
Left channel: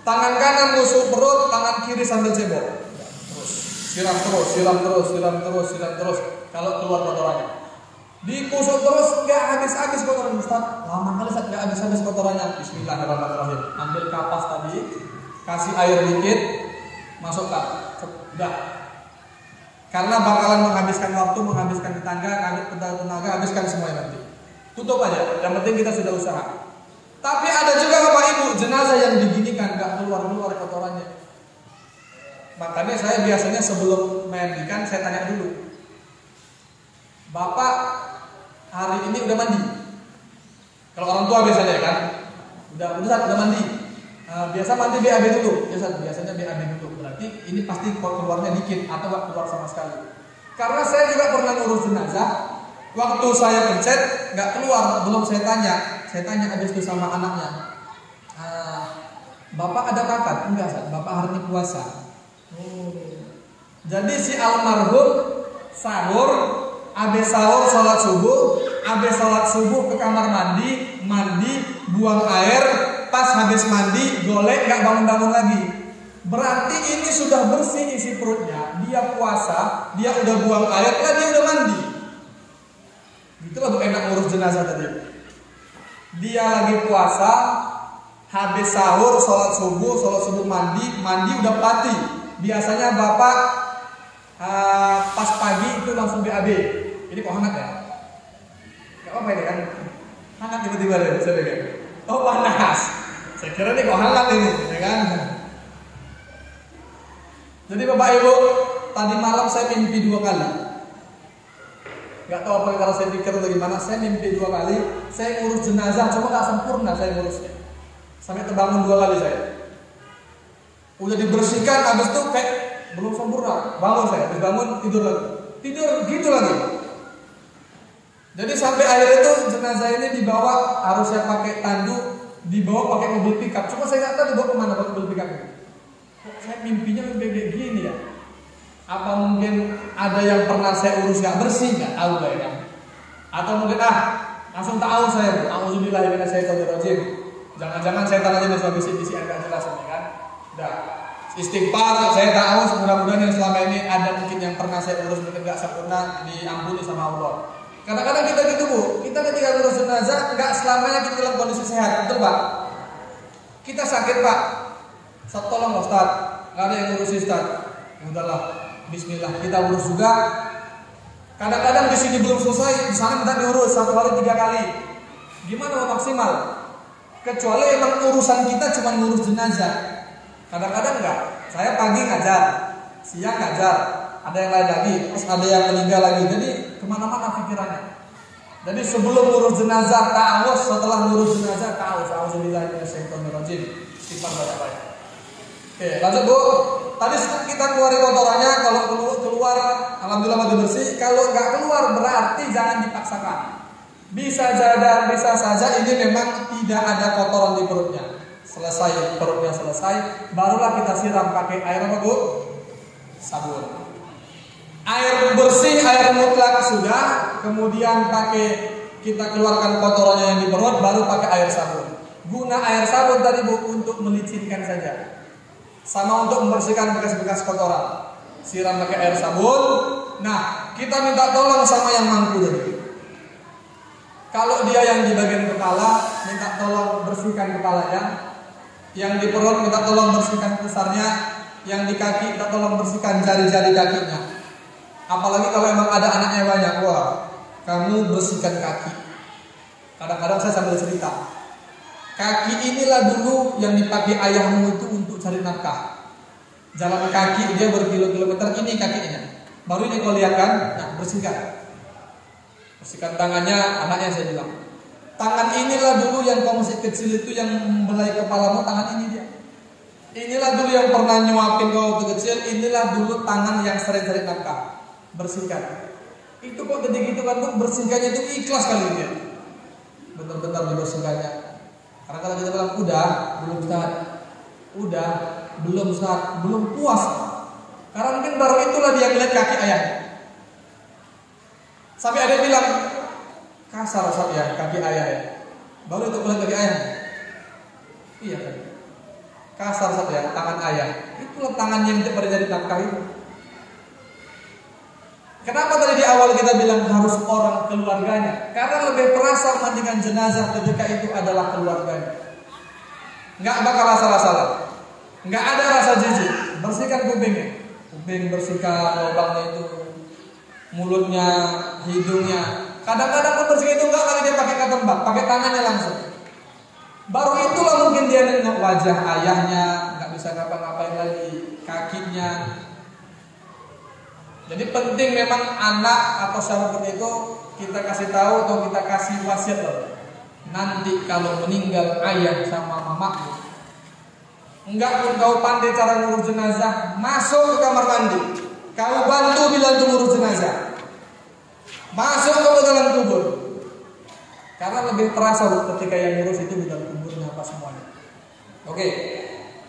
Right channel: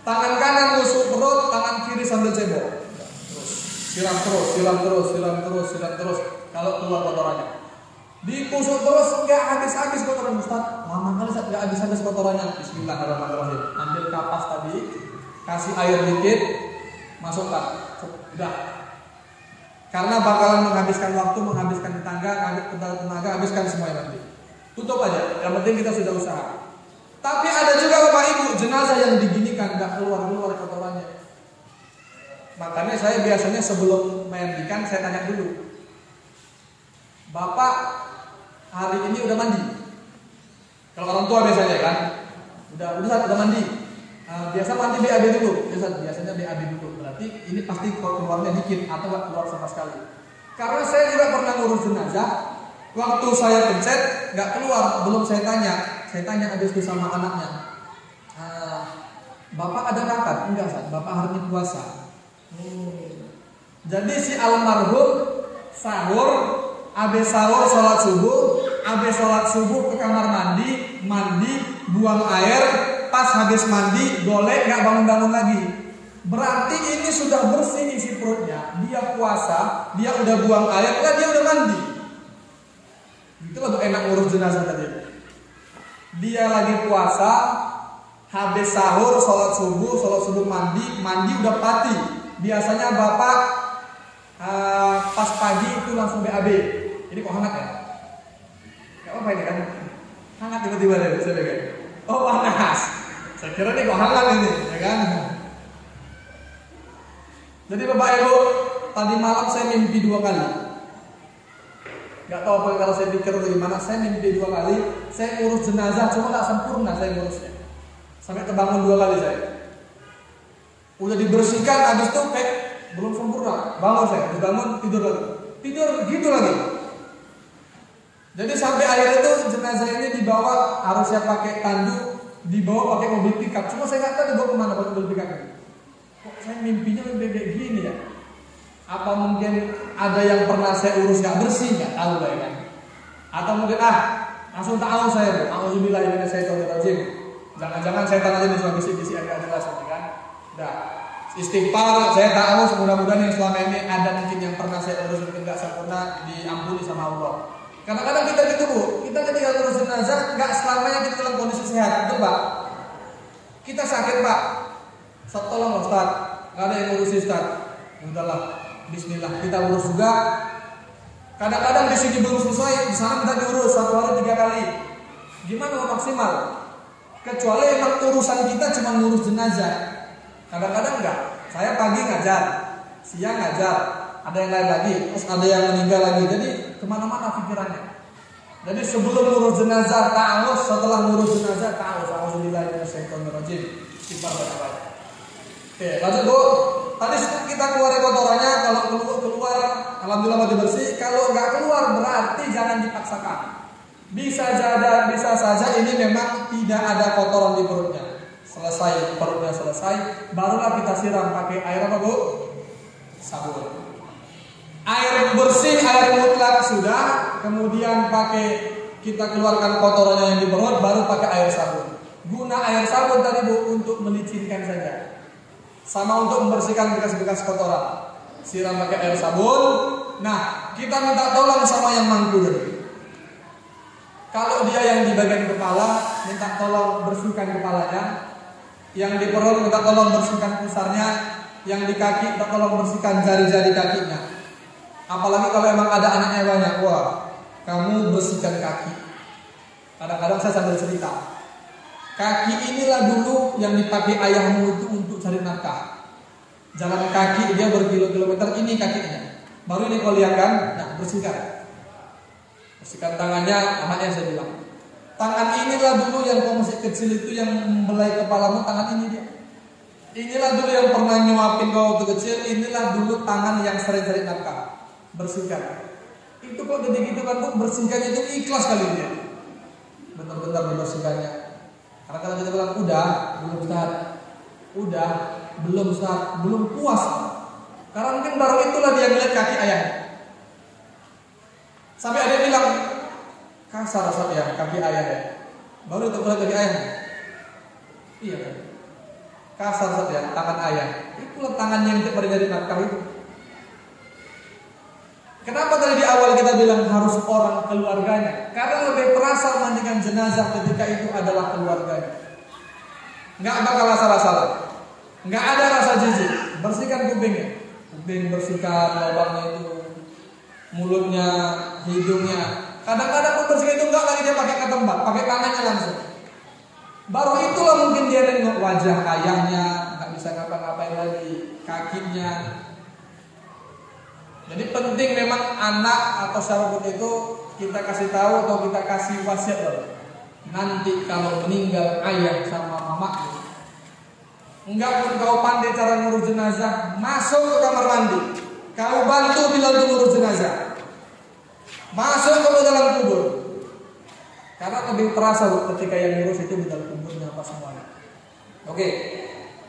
Tangan kanan tusuk perut, tangan kiri sambil cebok. Siram terus. Kalau keluar kotorannya, dikusuk terus, nggak habis kotoran Ustaz. Lama kali Ustaz nggak habis kotorannya. Bismillahirrahmanirrahim. Ambil kapas tadi, kasih air dikit, masukkan. Udah. Karena bakalan menghabiskan waktu, menghabiskan tenaga, habiskan semuanya nanti. Tutup aja. Yang penting kita sudah usaha. Tapi ada juga Bapak Ibu jenazah yang diginikan nggak keluar kotorannya. Makanya saya biasanya sebelum mandikan saya tanya dulu, Bapak hari ini udah mandi? Kalau orang tua biasanya kan, udah mandi. Biasa mandi BAB dulu, biasanya BAB dulu. Berarti ini pasti keluarnya dikit atau nggak keluar sama sekali. Karena saya juga pernah ngurus jenazah, waktu saya pencet nggak keluar, belum saya tanya habis itu sama anaknya. Bapak ada kakak? Enggak, Bapak hari ini puasa. Jadi si almarhum sahur, habis sahur sholat subuh ke kamar mandi, buang air, pas habis mandi golek nggak bangun lagi. Berarti ini sudah bersih isi perutnya, dia puasa, dia udah buang air, dia udah mandi. Itulah enak ngurus jenazah tadi. Dia lagi puasa, habis sahur, sholat subuh mandi udah pati. Biasanya Bapak pas pagi itu langsung BAB. Ini kok hangat ya? Gak apa-apa ini kan? Hangat tiba-tiba ya, bisa deh. Oh panas. Saya kira ini kok hangat ini, ya kan? Jadi Bapak Ibu, tadi malam saya mimpi 2 kali. Gak tahu apa kalau saya pikir bagaimana, saya mimpi 2 kali. Saya ngurus jenazah, cuma gak sempurna saya ngurusnya. Sampai terbangun 2 kali saya. Udah dibersihkan, habis itu kayak belum sempurna. Bangun saya, dibangun tidur lagi. Tidur gitu lagi. Jadi sampai akhirnya itu jenazah ini dibawa, harus saya pakai tanduk, dibawa pakai mobil pickup. Cuma saya nggak tahu dibawa kemana pakai mobil pickup ini. Saya mimpinya kayak gini ya. Apa mungkin ada yang pernah saya urus gak bersih, nggak tahu lah ya. Atau mungkin langsung tahu saya, alhamdulillah ini saya rajin. Jangan-jangan saya tanya aja sebagai bisik-bisik agak jelas kan. Udah istighfar, saya tahu mudah-mudahan yang selama ini ada mungkin yang pernah saya urus mungkin gak sempurna, diampuni sama Allah. Kadang-kadang kita gitu Bu, kita ketika ngurus jenazah nggak selamanya kita dalam kondisi sehat, betul Pak? Kita sakit Pak, tolong Ustaz, nggak ada yang ngurusin Ustaz. Udahlah, Bismillah, kita urus juga. Kadang-kadang di sini belum selesai, di sana kita diurus 1 kali 3 kali. Gimana mau maksimal? Kecuali emang urusan kita cuma ngurus jenazah. Kadang-kadang enggak. Saya pagi ngajar, siang ngajar, ada yang lain lagi, terus ada yang meninggal lagi. Jadi kemana-mana pikirannya. Jadi sebelum ngurus jenazah ta'awuz, setelah ngurus jenazah ta'awuz. Alhamdulillah dari syaitanirrajim. Oke, lanjut Bu. Tadi kita keluar kotorannya, kalau keluar alhamdulillah masih bersih. Kalau nggak keluar berarti jangan dipaksakan. Bisa saja ini memang tidak ada kotoran di perutnya. Selesai perutnya selesai, barulah kita siram pakai air apa Bu? Sabun. Air bersih, air mutlak sudah, kemudian pakai kita keluarkan kotorannya yang di perut, baru pakai air sabun. Guna air sabun tadi Bu untuk melicinkan saja. Sama untuk membersihkan bekas-bekas kotoran. Siram pakai air sabun. Nah, kita minta tolong sama yang mampu tadi. Kalau dia yang di bagian kepala, minta tolong bersihkan kepalanya. Yang di perut minta tolong bersihkan pusarnya. Yang di kaki minta tolong bersihkan jari-jari kakinya. Apalagi kalau memang ada anaknya banyak, wah, kamu bersihkan kaki. Kadang-kadang saya sambil cerita. Kaki inilah dulu yang dipakai ayahmu itu untuk cari nafkah. Jalan kaki dia berkilo-kilometer, ini kakinya. Baru ini kau lihat kan, ya bersihkan. Bersihkan tangannya, anaknya saya bilang. Tangan inilah dulu yang kau masih kecil itu yang membelai kepalamu, tangan ini dia. Inilah dulu yang pernah nyuapin kau waktu kecil, inilah dulu tangan yang sering-sering nafkah. Bersihkan. Itu kok gede gitu kan, bersihkannya itu ikhlas kali dia. Benar-benar dibersihkannya. Karena kalau kita bilang udah, belum Ustaz. Udah, belum Ustaz, belum puas. Karena mungkin baru itulah dia ngeliat kaki ayahnya. Sampai ada yang bilang kasar Ustaz ya kaki ayahnya. Baru itu ngeliat kaki ayahnya. Iya kan? Kasar Ustaz ya tangan ayah. Itulah tangan yang tidak berjadi nafkah itu. Kenapa tadi di awal kita bilang harus orang keluarganya? Karena lebih terasa memandikan jenazah ketika itu adalah keluarganya. Nggak bakal salah-salah. Nggak ada rasa jijik. Bersihkan kupingnya. Kuping bersihkan lubangnya itu. Mulutnya, hidungnya. Kadang-kadang pun bersihkan itu enggak kali dia pakai ketembak, pakai tangannya langsung. Baru itulah mungkin dia nengok wajah ayahnya, nggak bisa ngapa-ngapain lagi, kakinya. Jadi penting memang anak atau siapapun itu kita kasih tahu atau kita kasih wasiat loh. Nanti kalau meninggal ayah sama mama, enggak pun kau pandai cara ngurus jenazah, masuk ke kamar mandi, kau bantu bila untuk ngurus jenazah, masuk ke dalam kubur. Karena lebih terasa ketika yang ngurus itu di dalam kuburnya apa semuanya. Oke.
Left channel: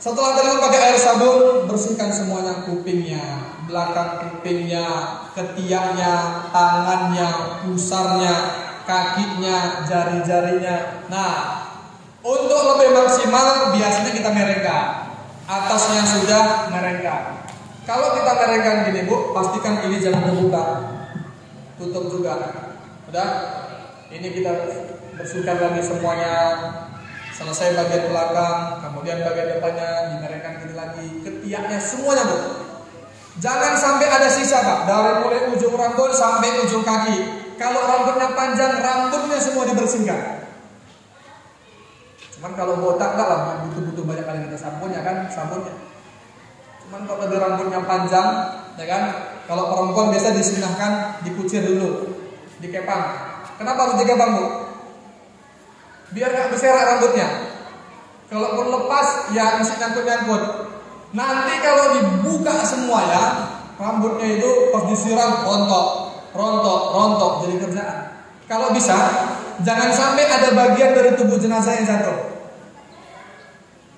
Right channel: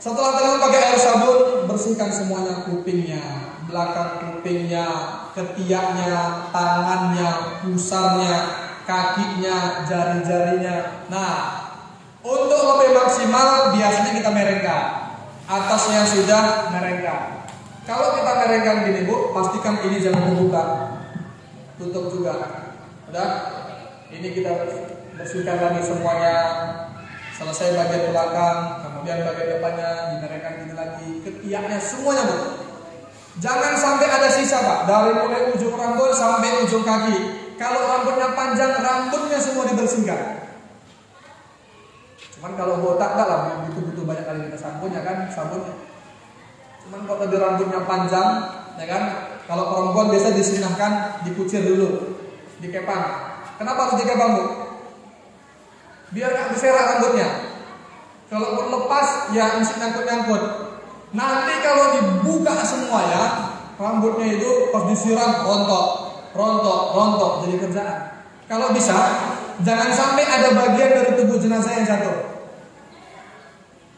Setelah tadi pakai air sabun, bersihkan semuanya, kupingnya, belakang kupingnya, ketiaknya, tangannya, pusarnya, kakinya, jari-jarinya. Nah, untuk lebih maksimal biasanya kita merengga. Atasnya sudah merengga. Kalau kita merengga gini Bu, pastikan ini jangan terbuka. Tutup juga. Udah? Ini kita bersihkan lagi semuanya. Selesai bagian belakang, kemudian bagian depannya dimerengkan gitu lagi, ketiaknya semuanya Bu. Jangan sampai ada sisa Pak, dari mulai ujung rambut sampai ujung kaki. Kalau rambutnya panjang, rambutnya semua dibersihkan. Cuman kalau botak enggak lah, butuh banyak kali kita sabunnya kan, sabunnya. Cuman kalau di rambutnya panjang, ya kan, kalau perempuan biasa disunahkan dikucir dulu, dikepang. Kenapa harus dikepang Bu? Biar gak berserak rambutnya. Kalau lepas ya mesti nyangkut-nyangkut. Nanti kalau dibuka semua ya, rambutnya itu pas disiram rontok jadi kerjaan. Kalau bisa jangan sampai ada bagian dari tubuh jenazah yang jatuh.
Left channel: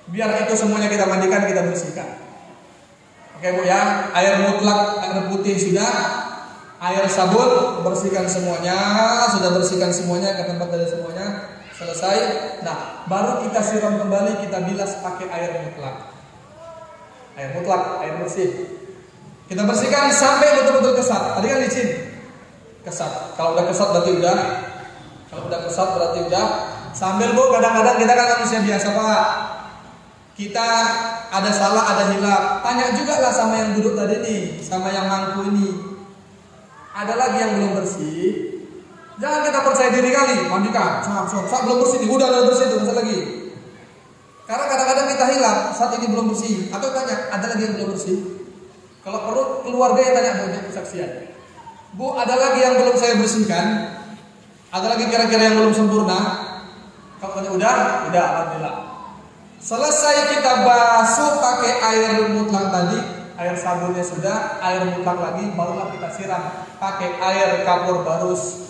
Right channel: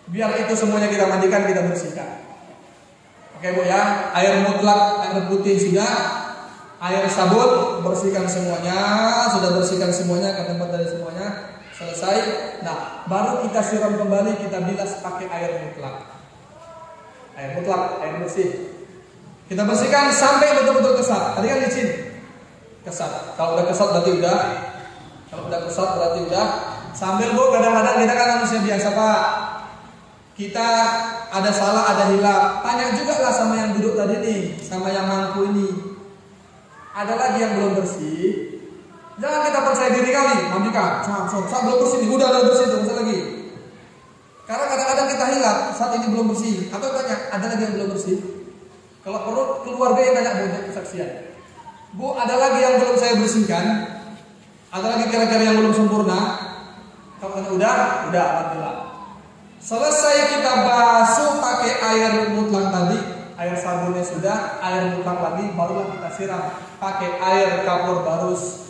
Biar itu semuanya kita mandikan, kita bersihkan. Oke Bu ya, air mutlak, air putih sudah, air sabun bersihkan semuanya, sudah bersihkan semuanya ke tempat dari semuanya. Selesai, nah baru kita siram kembali, kita bilas pakai air mutlak. Air mutlak, air bersih. Kita bersihkan sampai betul-betul kesat. Tadi kan licin. kesat. Kalau udah kesat berarti udah. Kalau udah kesat berarti udah. Sambil Bu, kadang-kadang kita kan manusia biasa Pak. Kita ada salah, ada hilaf. Tanya juga lah sama yang duduk tadi nih, sama yang mangku ini. Ada lagi yang belum bersih. Jangan kita percaya diri kali, mandikan. Saat belum bersih nih, udah bersih tuh, lagi. Karena kadang-kadang kita hilaf, saat ini belum bersih. Atau tanya, ada lagi yang belum bersih? Kalau perlu keluarga yang tanya banyak kesaksian. Bu, ada lagi yang belum saya bersihkan? Ada lagi kira-kira yang belum sempurna? Kalau udah, alhamdulillah. Selesai kita basuh pakai air mutlak tadi, air sabunnya sudah, air mutlak lagi, barulah kita siram pakai air kapur barus.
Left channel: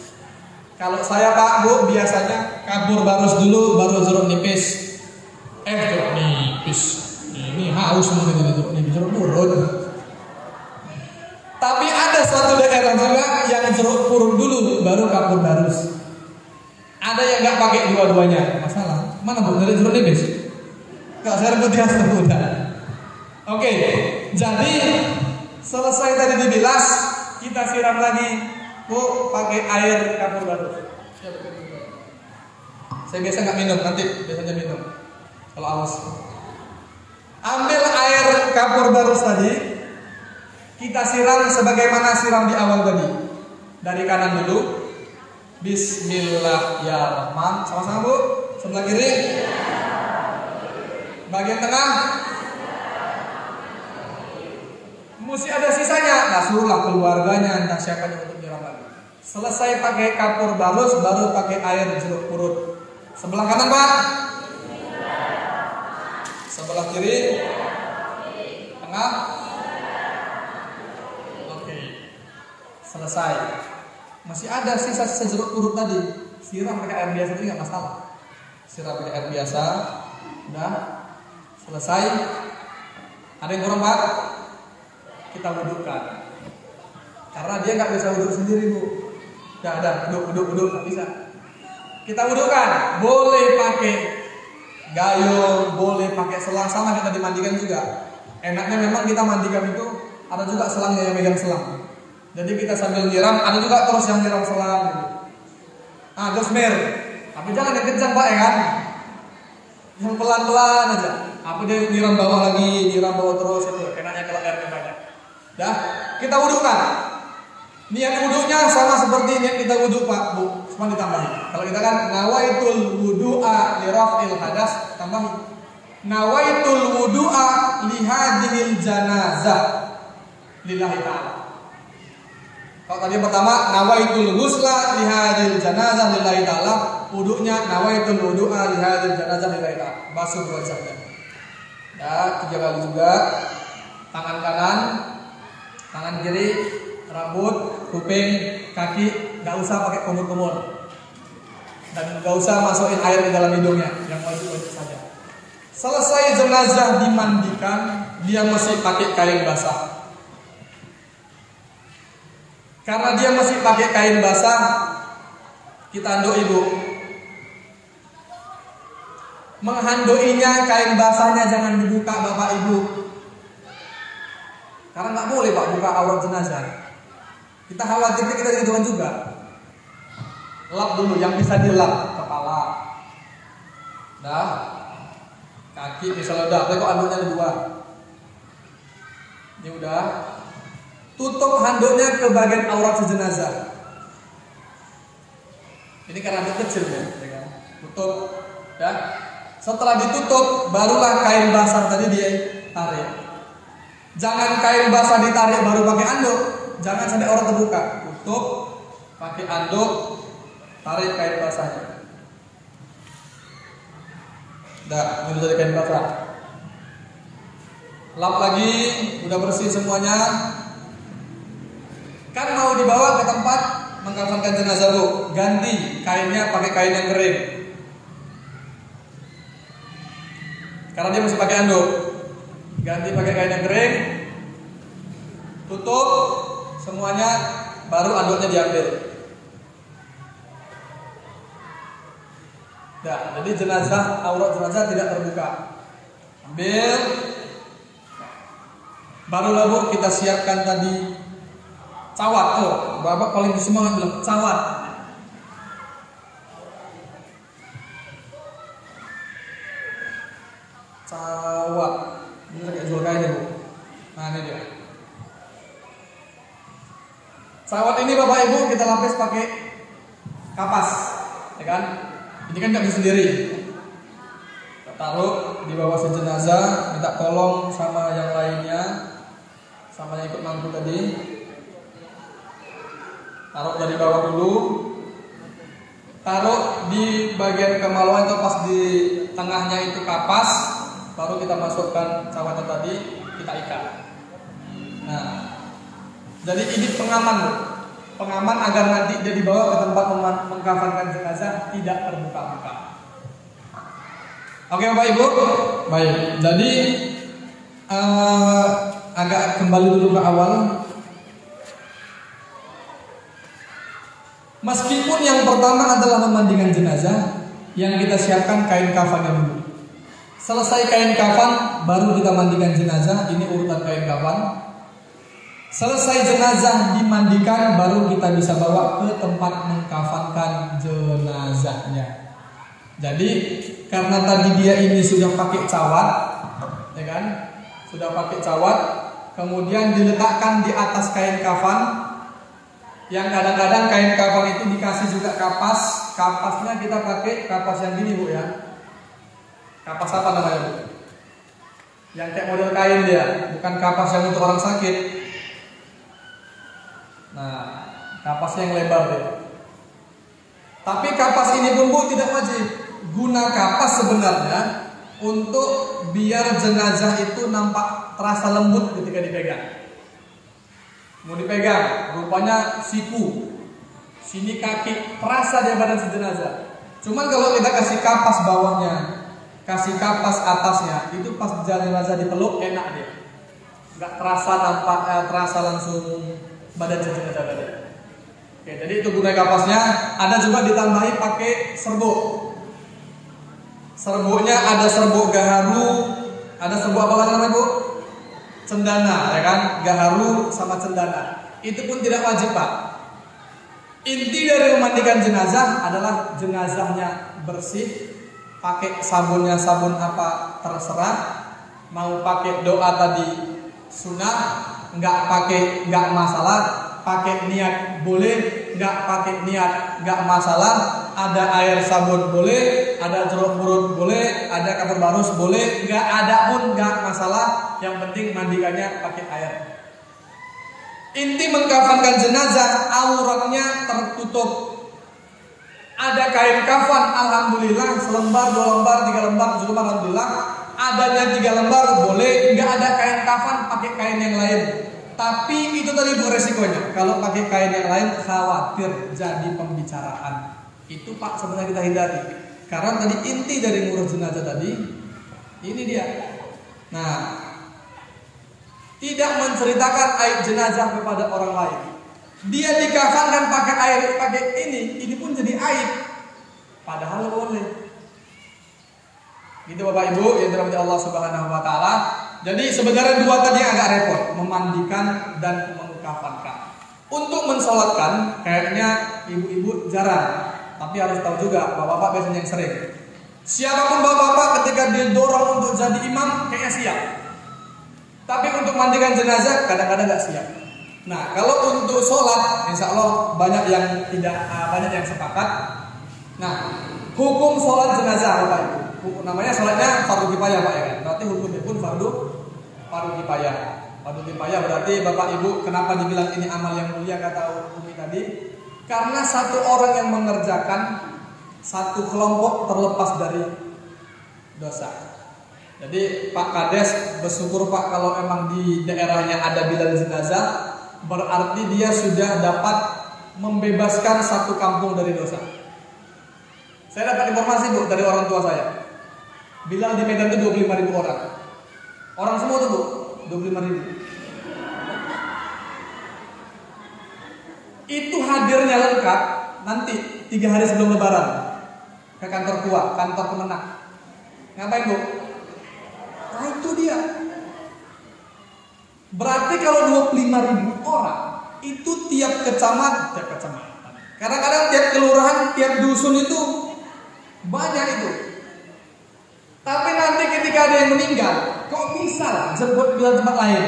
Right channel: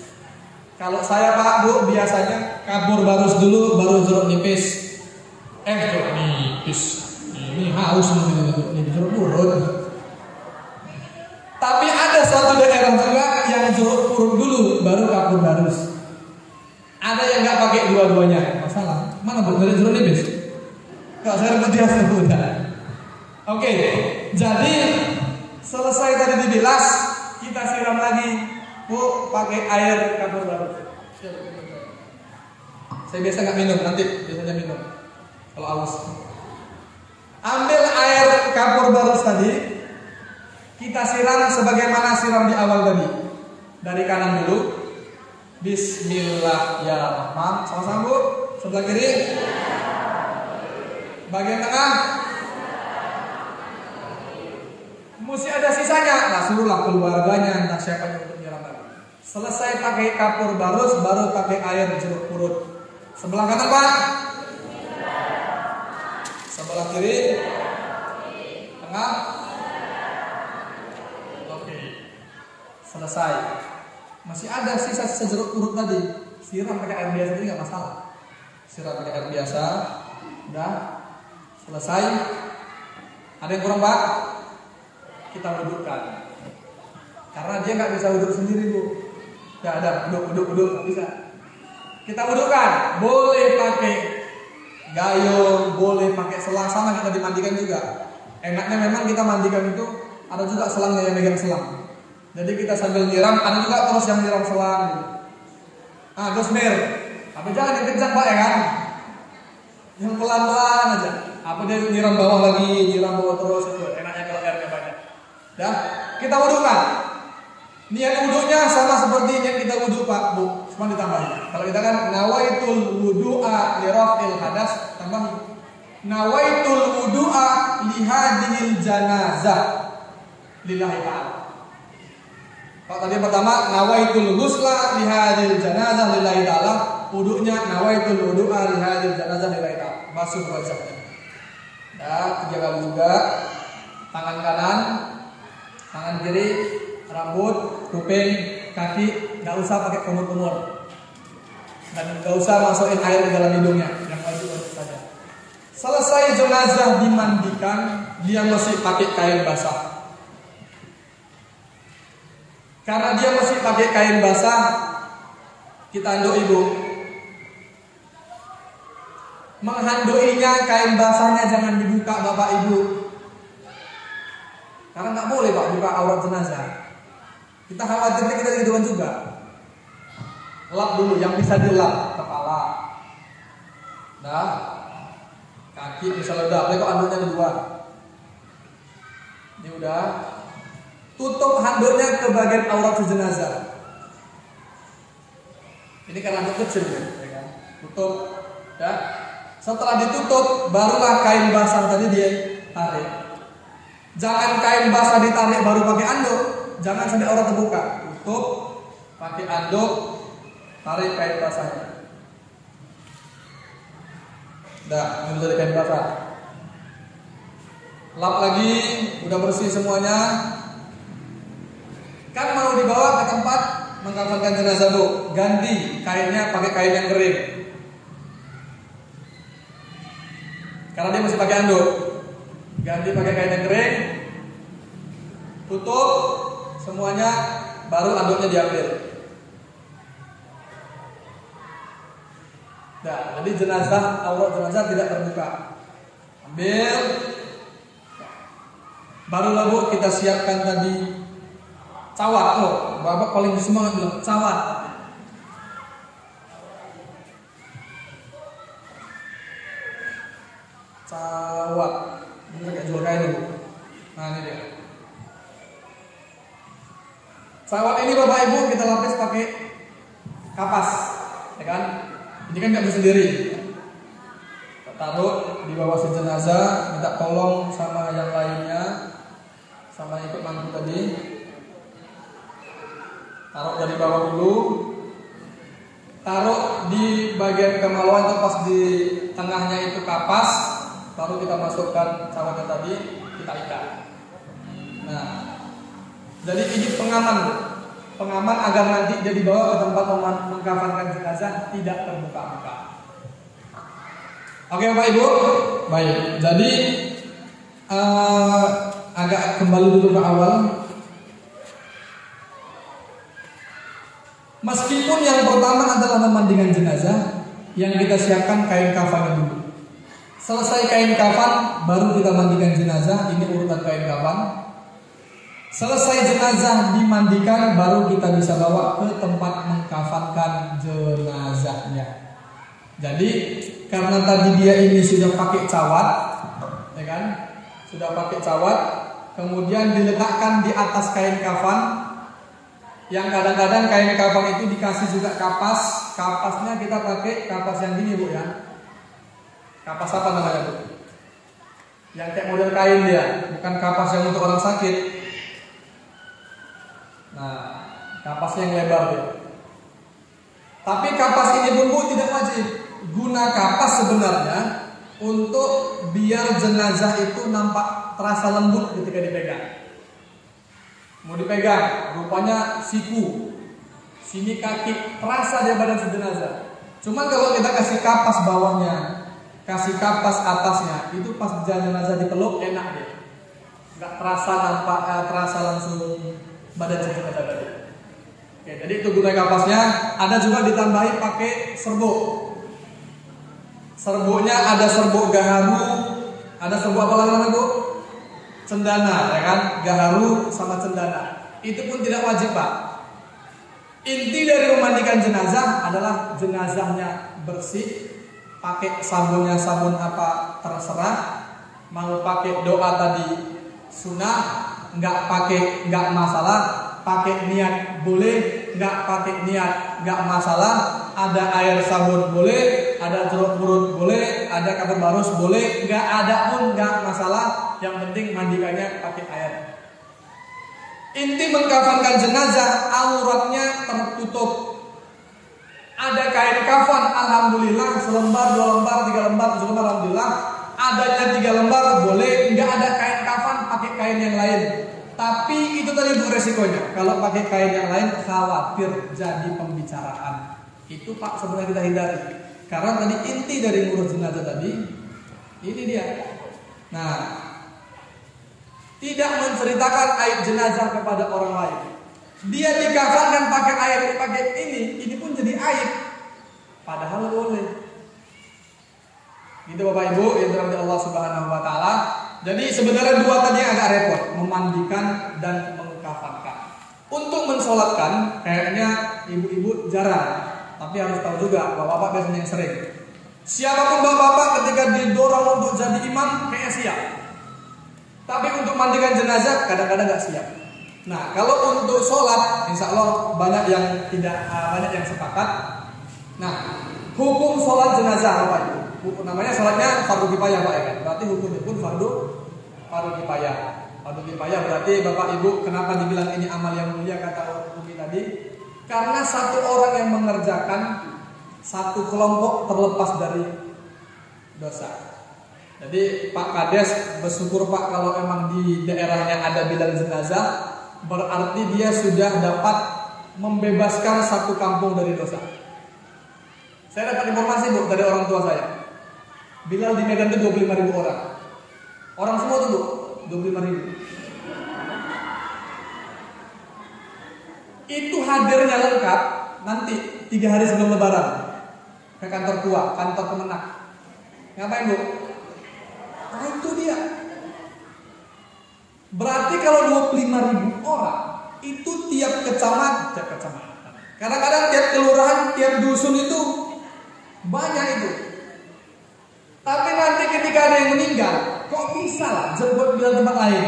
Kalau saya Pak Bu biasanya kapur barus dulu, baru jeruk nipis. Jeruk nipis. Ini haus mungkin ini jeruk purut. Tapi ada satu daerah juga yang jeruk purut dulu, baru kapur barus. Ada yang nggak pakai dua-duanya, masalah. Mana Bu dari jeruk nipis? Kalau saya berdiam udah. Oke, jadi selesai tadi dibilas, kita siram lagi, Bu, pakai air kapur barus. Saya biasa nggak minum, nanti biasanya minum. Kalau awas, ambil air kapur barus tadi, kita siram sebagaimana siram di awal tadi. Dari kanan dulu, Bismillahirrahmanirrahim. Sama-sama Bu, sebelah kiri. Bagian tengah mesti ada sisanya. Nah, suruhlah keluarganya nasihatkan untuk nyiram lagi. Selesai pakai kapur barus, baru pakai air jeruk purut. Sebelah kanan Pak, sebelah kiri, tengah. Oke, selesai. Masih ada sisa-sisa jeruk purut tadi, siram pakai air biasa tadi nggak masalah. Siram pakai air biasa, udah. Selesai. Ada yang kurang Pak? Kita wudhukan. Karena dia nggak bisa wudhu sendiri Bu. Nggak ada wudhu bisa. Kita wudhukan. Boleh pakai gayung, boleh pakai selang, sama kita dimandikan juga. Enaknya memang kita mandikan itu ada juga selangnya yang megang selang. Jadi kita sambil nyiram, ada juga terus yang nyiram selang. Ah, terus tapi jangan yang kencang Pak ya kan? Yang pelan-pelan aja. Apa dia nyiram bawah lagi, nyiram bawah terus itu enaknya kalau airnya banyak. Dah, kita wudhukan. Niat wudhunya sama seperti niat kita wudhu Pak Bu, cuma ditambahin. Kalau kita kan nawaitul wudu'a li raf'il hadas, tambahin. Nawaitul wudu'a li hadhil janazah lillahi ta'ala. Kalau tadi pertama nawaitul ghusla li hadhil janazah lillahi ta'ala, wudhunya nawaitul wudu'a li hadhil janazah lillahi ta'ala. Basuh wajahnya. Ya, 3 kali juga. Tangan kanan, tangan kiri, rambut, kuping, kaki, nggak usah pakai kumur-kumur. Dan nggak usah masukin air ke dalam hidungnya, yang wajib saja. Selesai jenazah dimandikan, dia mesti pakai kain basah. Karena dia mesti pakai kain basah, kita anduk Ibu. Menghandoinya, kain basahnya jangan dibuka Bapak Ibu. Karena nggak boleh Pak buka aurat jenazah. Kita khawatir kita digituan juga. Lap dulu, yang bisa dilap kepala, dah, kaki misalnya udah, kok handuknya di luar. Ini udah. Tutup handuknya ke bagian aurat jenazah. Ini kan handuk kecil ya kan? Tutup, dah. Setelah ditutup, barulah kain basah tadi dia tarik. Jangan kain basah ditarik baru pakai anduk. Jangan sampai aurat terbuka. Tutup, pakai anduk, tarik kain basahnya. Dah, ini dari kain basah. Lap lagi, udah bersih semuanya. Kan mau dibawa ke tempat mengkafankan jenazah Bu, ganti kainnya pakai kain yang kering. Karena dia mesti pakai anduk, ganti pakai kain yang kering, tutup semuanya, baru anduknya diambil. Nah, jadi jenazah, aurat jenazah tidak terbuka. Ambil, baru lalu kita siapkan tadi Cawat, bapak paling semangat bilang cawat. Cawat, ini kayak jual kain bu. Nah ini dia. Cawat ini bapak ibu kita lapis pakai kapas, ya kan? Ini kan nggak bisa sendiri. Taruh di bawah jenazah, minta tolong sama yang lainnya, sama yang ikut mantu tadi. Taruh dari bawah dulu, taruh di bagian kemaluan atau pas di tengahnya itu kapas, baru kita masukkan cawatnya tadi, kita ikat. Nah, jadi ini pengaman agar nanti dia dibawa ke tempat mengkafankan jenazah tidak terbuka-buka. Oke Bapak Ibu, baik. Jadi agak kembali dulu ke awal. Meskipun yang pertama adalah memandikan jenazah, yang kita siapkan kain kafan dulu. Selesai kain kafan, baru kita mandikan jenazah. Ini urutan kain kafan. Selesai jenazah dimandikan, baru kita bisa bawa ke tempat mengkafankan jenazahnya. Jadi karena tadi dia ini sudah pakai cawat, ya kan? Sudah pakai cawat, kemudian diletakkan di atas kain kafan. Yang kadang-kadang kain kafan itu dikasih juga kapas. Kapasnya kita pakai kapas yang gini bu ya. Kapas apa namanya bu? Yang kayak model kain dia, bukan kapas yang untuk orang sakit. Nah, kapas yang lebar dia. Tapi kapas ini bumbu tidak wajib. Guna kapas sebenarnya untuk biar jenazah itu nampak terasa lembut ketika dipegang. Mau dipegang, rupanya siku, sini kaki, terasa di badan si jenazah. Cuma kalau kita kasih kapas bawahnya, kasih kapas atasnya, itu pas jenazah dipeluk enak dia. Nggak terasa nampak, terasa langsung badan jenazah tadi. Oke, jadi itu guna kapasnya. Ada juga ditambahi pakai serbuk. Serbuknya ada serbuk gaharu, ada serbuk apa namanya bu? Cendana, ya kan? Gaharu sama cendana. Itu pun tidak wajib pak. Inti dari memandikan jenazah adalah jenazahnya bersih. Pakai sabunnya sabun apa terserah. Mau pakai doa tadi sunnah, nggak masalah. Pakai niat boleh, nggak pakai niat nggak masalah. Ada air sabun boleh, ada jeruk purut boleh, ada kata barus boleh, nggak ada pun nggak masalah. Yang penting mandikannya pakai air. Inti mengkafankan jenazah, auratnya tertutup. Ada kain kafan, alhamdulillah, selembar, 2 lembar, 3 lembar, 7 lembar, alhamdulillah. Adanya 3 lembar boleh, nggak ada kain kafan, pakai kain yang lain. Tapi itu tadi bu resikonya. Kalau pakai kain yang lain khawatir jadi pembicaraan. Itu pak sebenarnya kita hindari. Karena tadi inti dari ngurus jenazah tadi ini dia. Nah, tidak menceritakan aib jenazah kepada orang lain. Dia dikafankan pakai air, pakai ini pun jadi aib. Padahal boleh. Gitu Bapak Ibu yang dirahmati Allah Subhanahu wa taala. Jadi sebenarnya dua tadi agak repot, memandikan dan mengkafankan. Untuk mensolatkan kayaknya ibu-ibu jarang. Tapi harus tahu juga, bapak-bapak biasanya yang sering. Siapapun bapak-bapak ketika didorong untuk jadi imam, kayaknya siap. Tapi untuk mandikan jenazah, kadang-kadang nggak siap. Nah, kalau untuk sholat, insya Allah banyak yang sepakat. Nah, hukum sholat jenazah apa itu? Namanya sholatnya fardu kifayah pak ya kan? Berarti hukumnya pun fardu kifayah. Fardu kifayah berarti bapak ibu kenapa dibilang ini amal yang mulia kata Umi tadi? Karena satu orang yang mengerjakan, satu kelompok terlepas dari dosa. Jadi Pak Kades bersyukur Pak kalau memang di daerahnya ada bidan jenazah, berarti dia sudah dapat membebaskan satu kampung dari dosa. Saya dapat informasi bu dari orang tua saya. Bilal di Medan itu 25.000 orang. Orang semua tuh bu 25.000. Itu hadirnya lengkap nanti 3 hari sebelum lebaran ke kantor tua, kantor kemenang. Ngapain bu? Nah itu dia. Berarti kalau 25.000 orang itu tiap kecamatan. Kadang-kadang tiap kelurahan, tiap dusun itu banyak itu. Tapi nanti ketika ada yang meninggal, kok bisa jemput bilal tempat lain?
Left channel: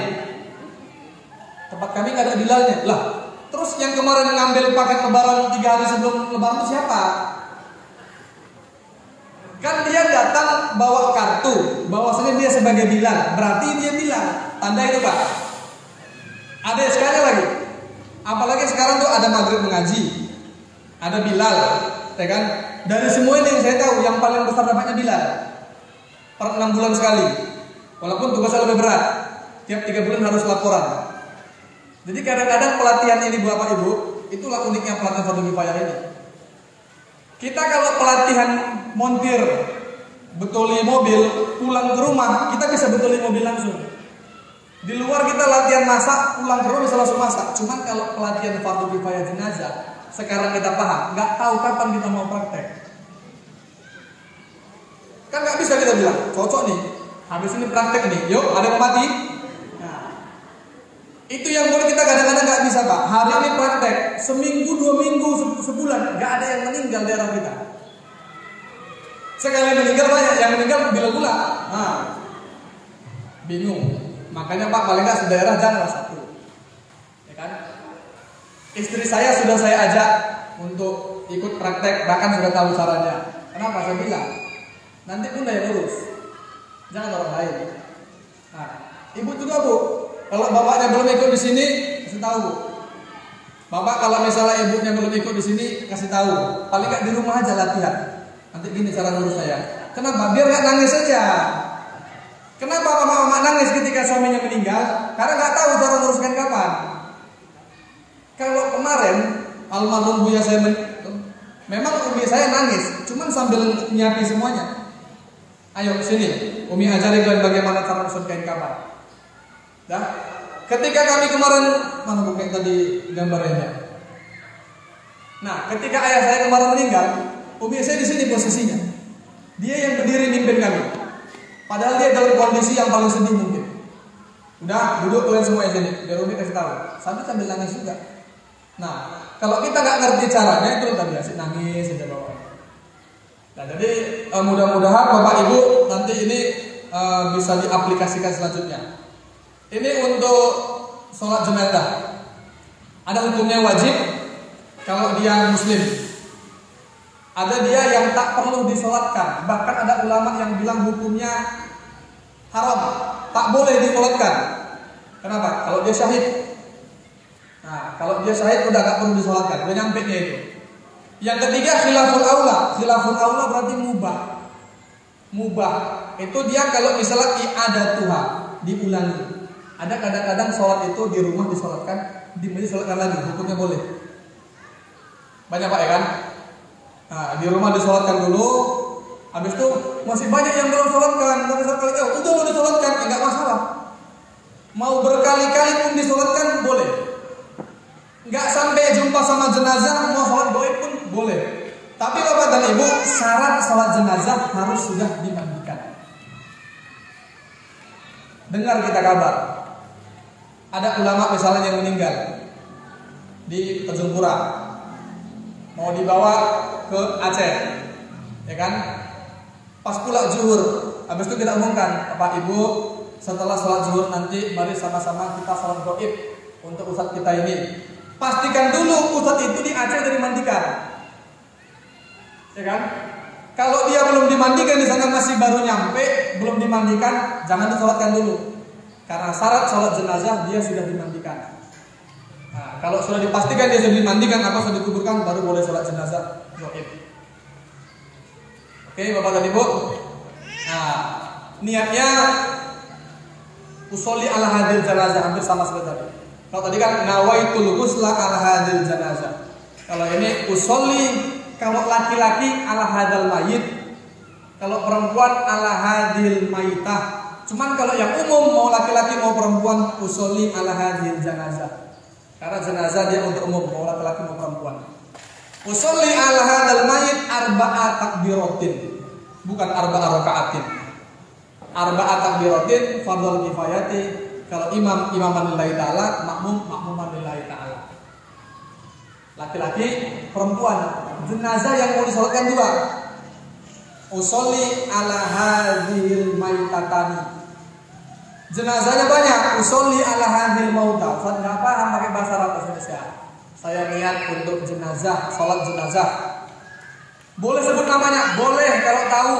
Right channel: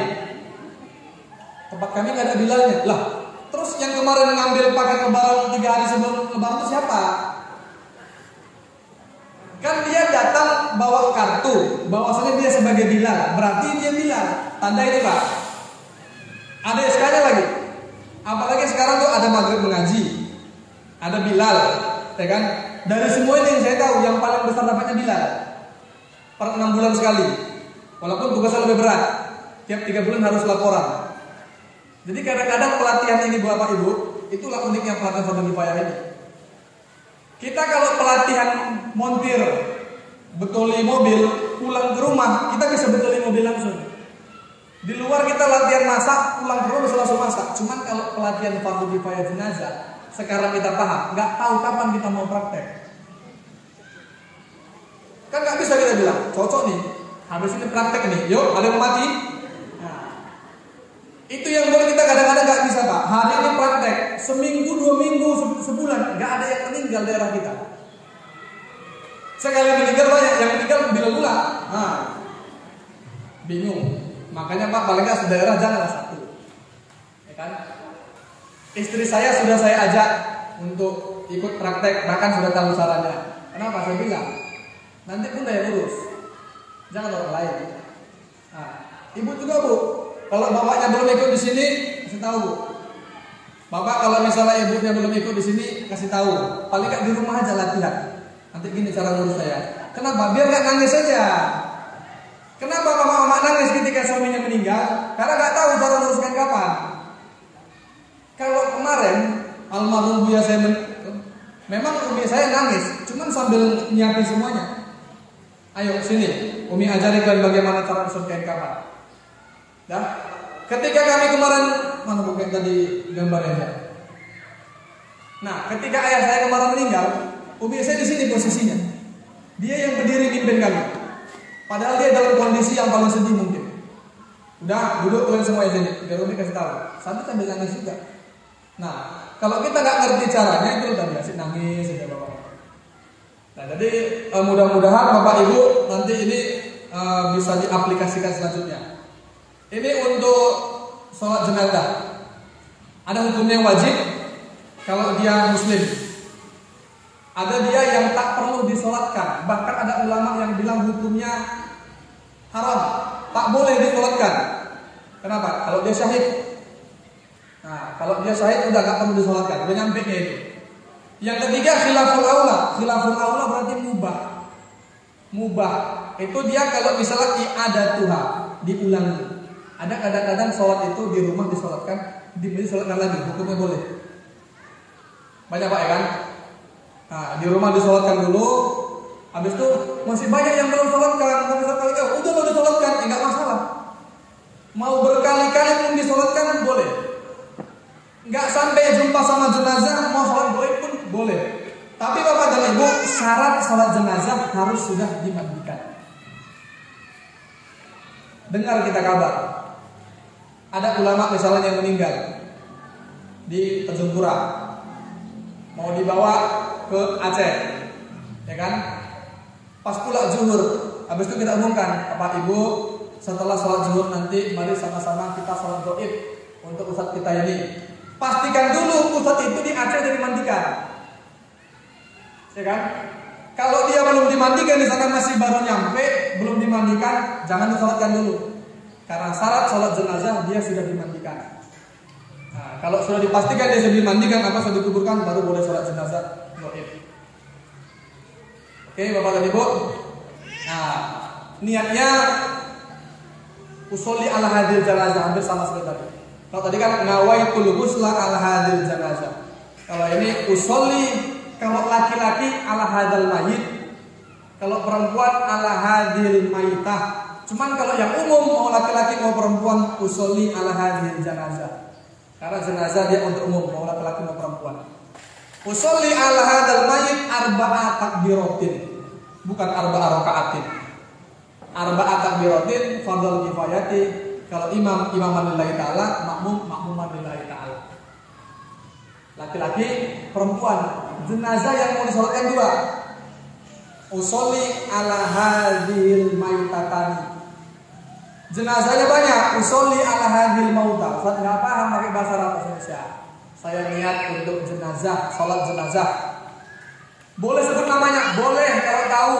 Tempat kami nggak ada bilalnya. Lah, terus yang kemarin ngambil paket lebaran 3 hari sebelum lebaran itu siapa? Kan dia datang bawa kartu, bahwasanya dia sebagai bilal, berarti dia bilal. Tanda itu Kak. Ada sekali lagi. Apalagi sekarang tuh ada maghrib mengaji, ada bilal, ya kan? Dari semua ini yang saya tahu, yang paling besar dapatnya bilal. Per 6 bulan sekali. Walaupun tugasnya lebih berat, tiap 3 bulan harus laporan. Jadi kadang-kadang pelatihan ini Bapak Ibu, itulah uniknya pelatihan fardhu kifayah ini. Kita kalau pelatihan montir, betuli mobil, pulang ke rumah kita bisa betuli mobil langsung. Di luar kita latihan masak, pulang ke rumah bisa langsung masak. Cuman kalau pelatihan fardhu kifayah jenazah, sekarang kita paham, nggak tahu kapan kita mau praktek. Kan nggak bisa kita bilang, cocok nih, habis ini praktek nih, yuk ada yang mati. Nah, itu yang buat kita kadang-kadang nggak bisa Pak. Hari ini praktek, seminggu, 2 minggu, sebulan, nggak ada yang meninggal di daerah kita. Sekali meninggal banyak, yang meninggal bila pula. Nah, bingung. Makanya Pak paling nggak sedaerah jangan satu, ya kan? Istri saya sudah saya ajak untuk ikut praktek, bahkan sudah tahu caranya. Kenapa? Saya bilang, nanti Bunda yang urus, jangan orang lain. Nah, Ibu juga Bu, kalau bapaknya belum ikut di sini, kasih tahu Bu. Bapak kalau misalnya ibunya belum ikut di sini, kasih tahu. Paling nggak di rumah aja latihan. Nanti gini cara urus saya. Kenapa? Biar nggak nangis saja. Kenapa mama nangis ketika suaminya meninggal? Karena nggak tahu cara uruskan kapan. Kalau kemarin almarhum Buya saya memang Umi saya nangis, cuman sambil nyiapin semuanya. Ayo sini, Umi ajarin kalian bagaimana cara usul kain kapan. Dah, ketika kami kemarin mana bukan tadi gambarnya. Nah, ketika ayah saya kemarin meninggal, Umi saya di sini posisinya. Dia yang berdiri mimpin kami. Padahal dia dalam kondisi yang paling sedih mungkin. Udah, duduk kalian semua di sini. Biar Umi kasih tahu. Sambil nangis juga. Nah, kalau kita nggak ngerti caranya itu udah biasa nangis saja Bapak. Nah, jadi mudah-mudahan Bapak Ibu nanti ini bisa diaplikasikan selanjutnya. Ini untuk sholat jenazah. Ada hukumnya wajib kalau dia muslim. Ada dia yang tak perlu disolatkan. Bahkan ada ulama yang bilang hukumnya haram, tak boleh disolatkan. Kenapa? Kalau dia syahid. Nah, kalau dia syahid udah gak perlu disolatkan. Udah nyampe nya itu. Yang ketiga khilaful aula. Khilaful aula berarti mubah. Mubah itu dia kalau misalnya ada Tuhan diulangi. Ada kadang-kadang sholat itu di rumah disolatkan, di masjid disolatkan lagi. Hukumnya boleh. Banyak Pak ya kan? Nah, di rumah disolatkan dulu, habis itu masih banyak yang belum sholatkan. Tapi sekali udah disolatkan, enggak masalah. Mau berkali-kali pun disolatkan boleh. Enggak sampai jumpa sama jenazah mau sholat goib pun boleh. Tapi Bapak dan Ibu, syarat sholat jenazah harus sudah dimandikan. Dengar kita kabar, ada ulama misalnya yang meninggal di Tanjung Pura, mau dibawa ke Aceh, ya kan? Pas pula zuhur, habis itu kita umumkan, Pak Ibu, setelah sholat zuhur nanti mari sama-sama kita sholat goib untuk ustadz kita ini. Pastikan dulu ustadz itu di Aceh dan dimandikan, ya kan? Kalau dia belum dimandikan di sana masih baru nyampe, belum dimandikan, jangan disolatkan dulu. Karena syarat sholat jenazah dia sudah dimandikan. Nah, kalau sudah dipastikan dia sudah dimandikan, apa sudah dikuburkan, baru boleh sholat jenazah. Oke, Bapak dan Ibu. Nah, niatnya usolli ala hadil jenazah, hampir sama sebentar. Kalau tadi kan nawaitul ghusla ala hadil jenazah. Kalau ini usolli, kalau laki-laki ala hadal mayit, kalau perempuan ala hadil mayitah. Cuman kalau yang umum mau laki-laki mau perempuan usolli ala hadil jenazah. Karena jenazah dia untuk umum, mau laki-laki mau perempuan. Usolli ala hadal mayit arba'a takbiratin, bukan arba'a raka'atin. Arba'a takbiratin fardhu kifayati. Kalau imaman lillahi ta'ala, makmuman lillahi ta'ala. laki-laki, perempuan. Jenazah yang mau disolatkan dua. Usolli ala hadhil maitatani. Jenazahnya banyak. Usolli ala hadhil mauta. Ustaz enggak paham pakai bahasa Arab Indonesia. Saya niat untuk jenazah, salat jenazah. Boleh sebut namanya? Boleh kalau tahu.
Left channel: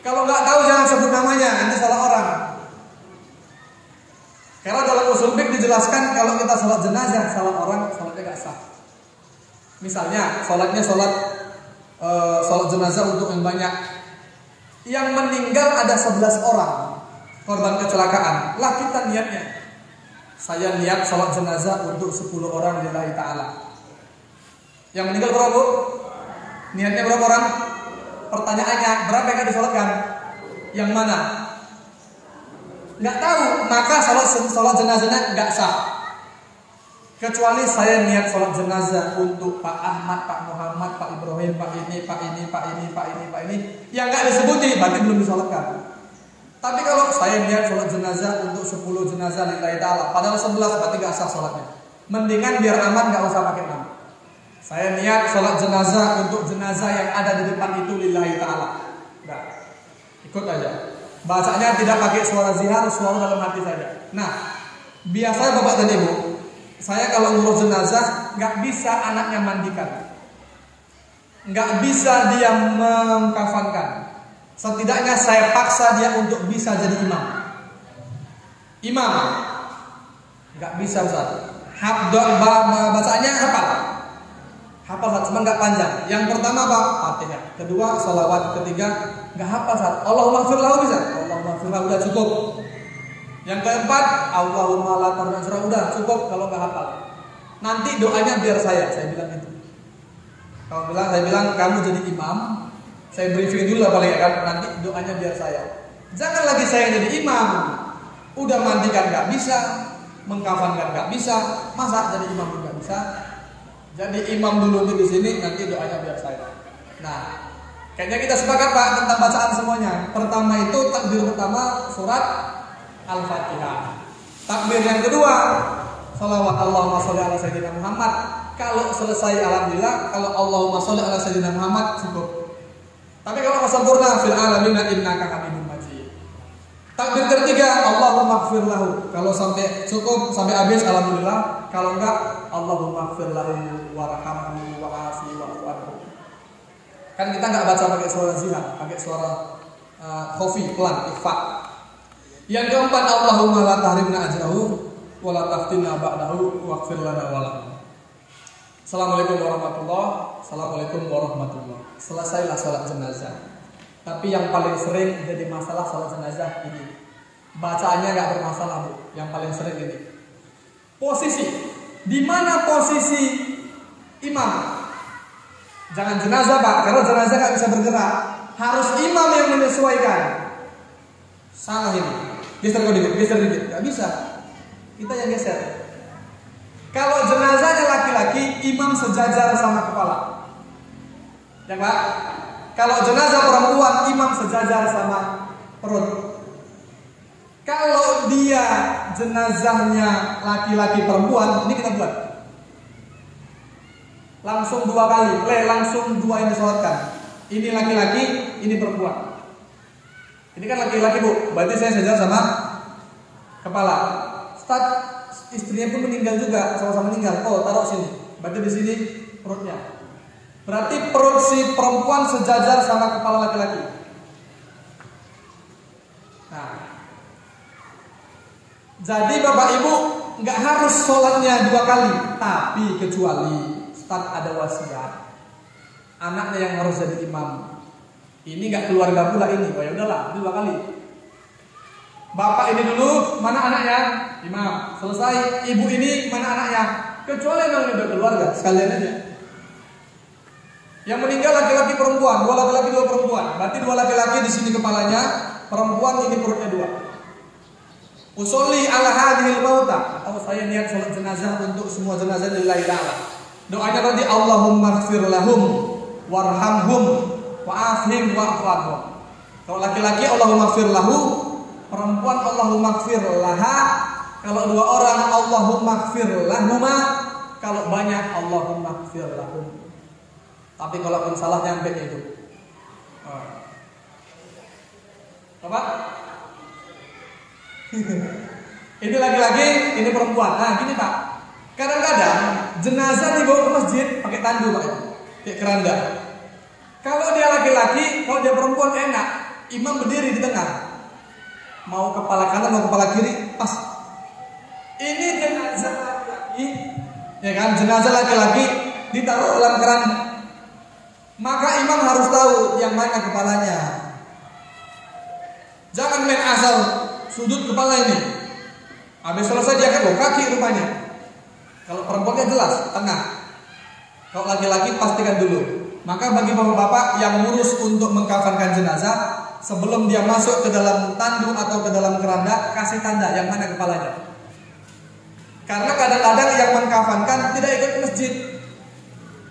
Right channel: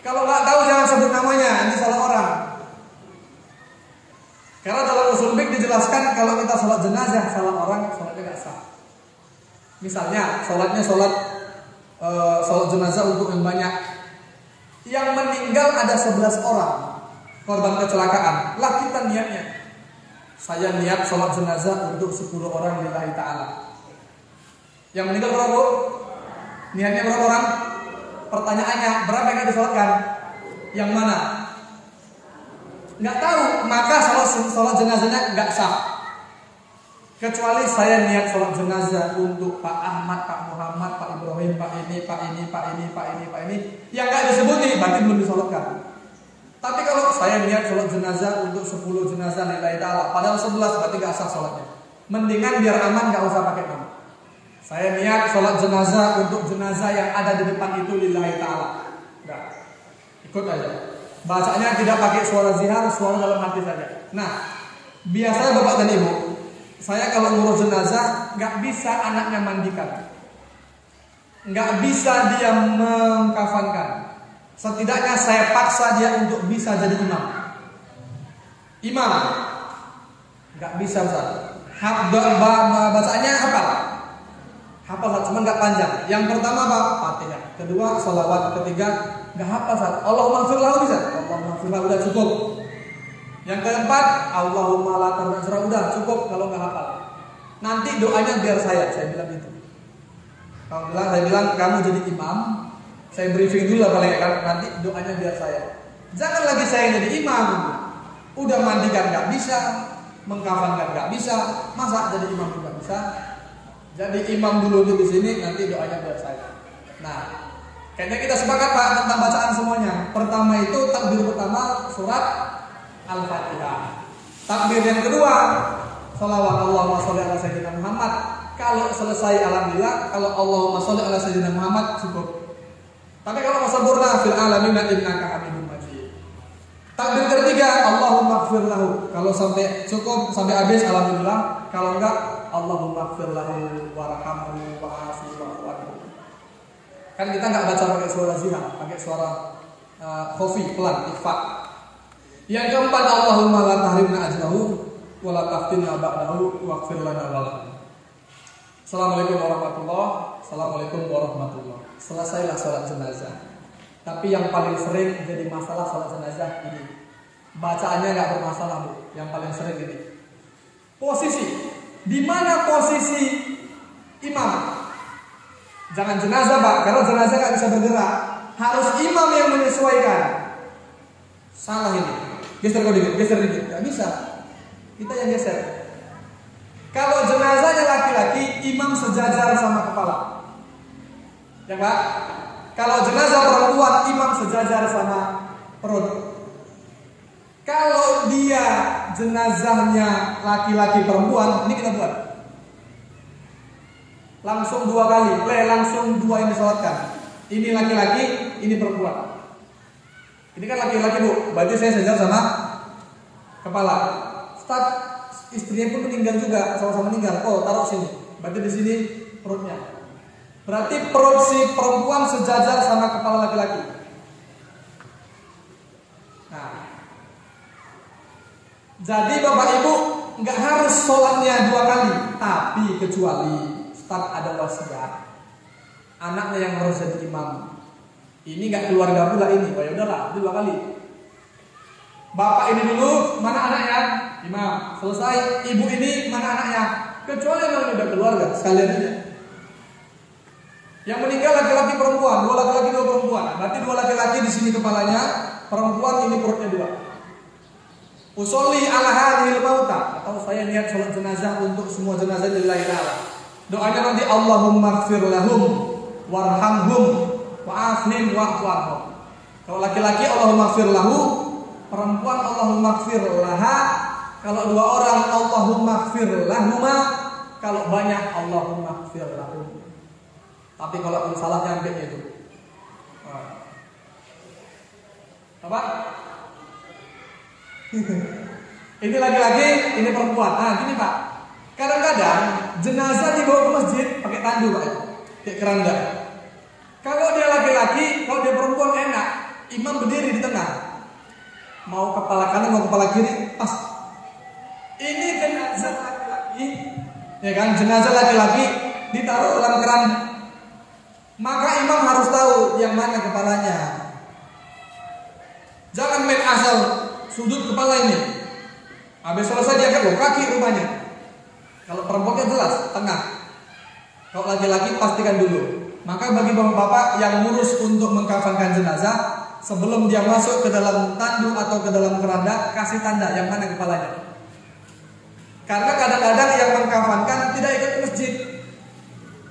Kalau nggak tahu jangan sebut namanya, nanti salah orang. Karena dalam usul fiqh dijelaskan kalau kita salat jenazah salah orang, salatnya nggak sah. Misalnya salatnya salat jenazah untuk yang banyak. Yang meninggal ada 11 orang korban kecelakaan. Lah kita niatnya, saya niat salat jenazah untuk 10 orang lillahi ta'ala. Yang meninggal berapa, Bu? Niatnya berapa orang? Pertanyaannya, berapa yang disolatkan? Yang mana? Nggak tahu, maka salat jenazahnya nggak sah. Kecuali saya niat salat jenazah untuk Pak Ahmad, Pak Muhammad, Pak Ibrahim, Pak ini, Pak ini, Pak ini, Pak ini, Pak ini, yang nggak disebuti, berarti belum disolatkan. Tapi kalau saya niat salat jenazah untuk 10 jenazah lillahi ta'ala, padahal 11, berarti nggak sah salatnya. Mendingan biar aman nggak usah pakai nama. Saya niat salat jenazah untuk jenazah yang ada di depan itu lillahi ta'ala. Enggak. Ikut aja. Bacanya tidak pakai suara zihar, suara dalam hati saja. Nah, biasanya Bapak dan Ibu, saya kalau ngurus jenazah nggak bisa anaknya mandikan, nggak bisa dia mengkafankan. Setidaknya saya paksa dia untuk bisa jadi imam. Imam nggak bisa Ustaz. Bacaannya hafal. Hafal cuma nggak panjang. Yang pertama apa? Fatihah. Kedua salawat. Ketiga nggak hafal Ustaz. Allahumma ighfir lahu bisa. Allahumma ighfir lahu udah cukup. Yang keempat Allahumma la tarja'ra udah cukup kalau nggak hafal. Nanti doanya biar saya bilang itu. Saya bilang kamu jadi imam, saya briefing dulu apa ya kan, nanti doanya biar saya. Jangan lagi saya jadi imam. Udah mandikan nggak bisa, mengkafankan nggak bisa, masa jadi imam juga bisa. Jadi imam dulu di sini, nanti doanya biar saya. Nah, kayaknya kita sepakat Pak tentang bacaan semuanya. Pertama itu takbir pertama surat Al-Fatihah. Takbir yang kedua salawat Allahumma sholli ala sayyidina Muhammad. Kalau selesai alhamdulillah, kalau Allahumma sholli ala sayyidina Muhammad cukup. Tapi kalau sempurna fil alamin innaka hamidum majid. Takbir ketiga Allahumma ighfir lahu. Kalau sampai cukup sampai habis alhamdulillah. Kalau enggak Allahumma ighfir lahu warhamhu wa'afihi wa'fu. Kan kita enggak baca pakai suara zina, pakai suara khafi pelan, ikhfa. Yang keempat Allahumma la tahrimna ajrahu wa la taftinna ba'dahu waghfir lana wa lahu. Assalamualaikum warahmatullahi. Selesailah salat jenazah. Tapi yang paling sering jadi masalah salat jenazah ini. Bacaannya enggak bermasalah, Bu. Yang paling sering ini. Posisi. Di mana posisi imam? Jangan jenazah, Pak, karena jenazah enggak bisa bergerak. Harus imam yang menyesuaikan. Salah ini. Geser dikit. Enggak bisa. Kita yang geser. Kalau jenazahnya laki-laki, imam sejajar sama kepala. Ya Pak? Kalau jenazah perempuan, imam sejajar sama perut. Kalau dia jenazahnya laki-laki perempuan, ini kita buat langsung 2 kali, langsung 2 yang disolatkan. Ini laki-laki, ini perempuan. Ini kan laki-laki Bu, berarti saya sejajar sama kepala. Ustaz, istrinya pun meninggal juga, sama-sama meninggal. Oh, taruh sini. Berarti di sini perutnya. Berarti perut si perempuan sejajar sama kepala laki-laki. Nah, jadi Bapak Ibu nggak harus sholatnya 2 kali, tapi kecuali Ustaz ada wasiat, anaknya yang harus jadi imam. Ini nggak keluarga pula ini, oh ya udahlah 2 kali. Bapak ini dulu, mana anaknya? Imam. Selesai, ibu ini mana anaknya? Kecuali memang udah keluarga, sekalian aja. Yang meninggal laki-laki perempuan, 2 laki-laki 2 perempuan. Berarti 2 laki-laki di sini kepalanya, perempuan ini perutnya 2. Usolli ala hadhil mauta, atau saya niat salat jenazah untuk semua jenazah lillahi ta'ala. Doanya nanti Allahumma ighfir lahum warhamhum wa'afhim wa'fu anhum. Kalau laki-laki Allahumma ighfir lahu, perempuan Allahumma ighfir laha. Kalau 2 orang Allahumma ighfir lahuma. Kalau banyak Allahumma ighfir lahum. Tapi kalau pun salah nyampe itu. Apa? Ini laki-laki, ini perempuan. Nah, gini Pak. Kadang-kadang jenazah dibawa ke masjid pakai tandu Pak. Kayak keranda. Kalau dia laki-laki, kalau dia perempuan enak. Imam berdiri di tengah. Mau kepala kanan, mau kepala kiri, pas. Ini jenazah laki-laki, ya kan? Jenazah laki-laki ditaruh dalam keranda. Maka imam harus tahu yang mana kepalanya. Jangan main asal sudut kepala ini. Habis selesai dia kedua kaki rupanya. Kalau perempuannya jelas tengah. Kalau laki-laki pastikan dulu. Maka bagi bapak-bapak yang ngurus untuk mengkafankan jenazah, sebelum dia masuk ke dalam tandu atau ke dalam keranda, kasih tanda yang mana kepalanya. Karena kadang-kadang yang mengkafankan tidak ikut ke masjid.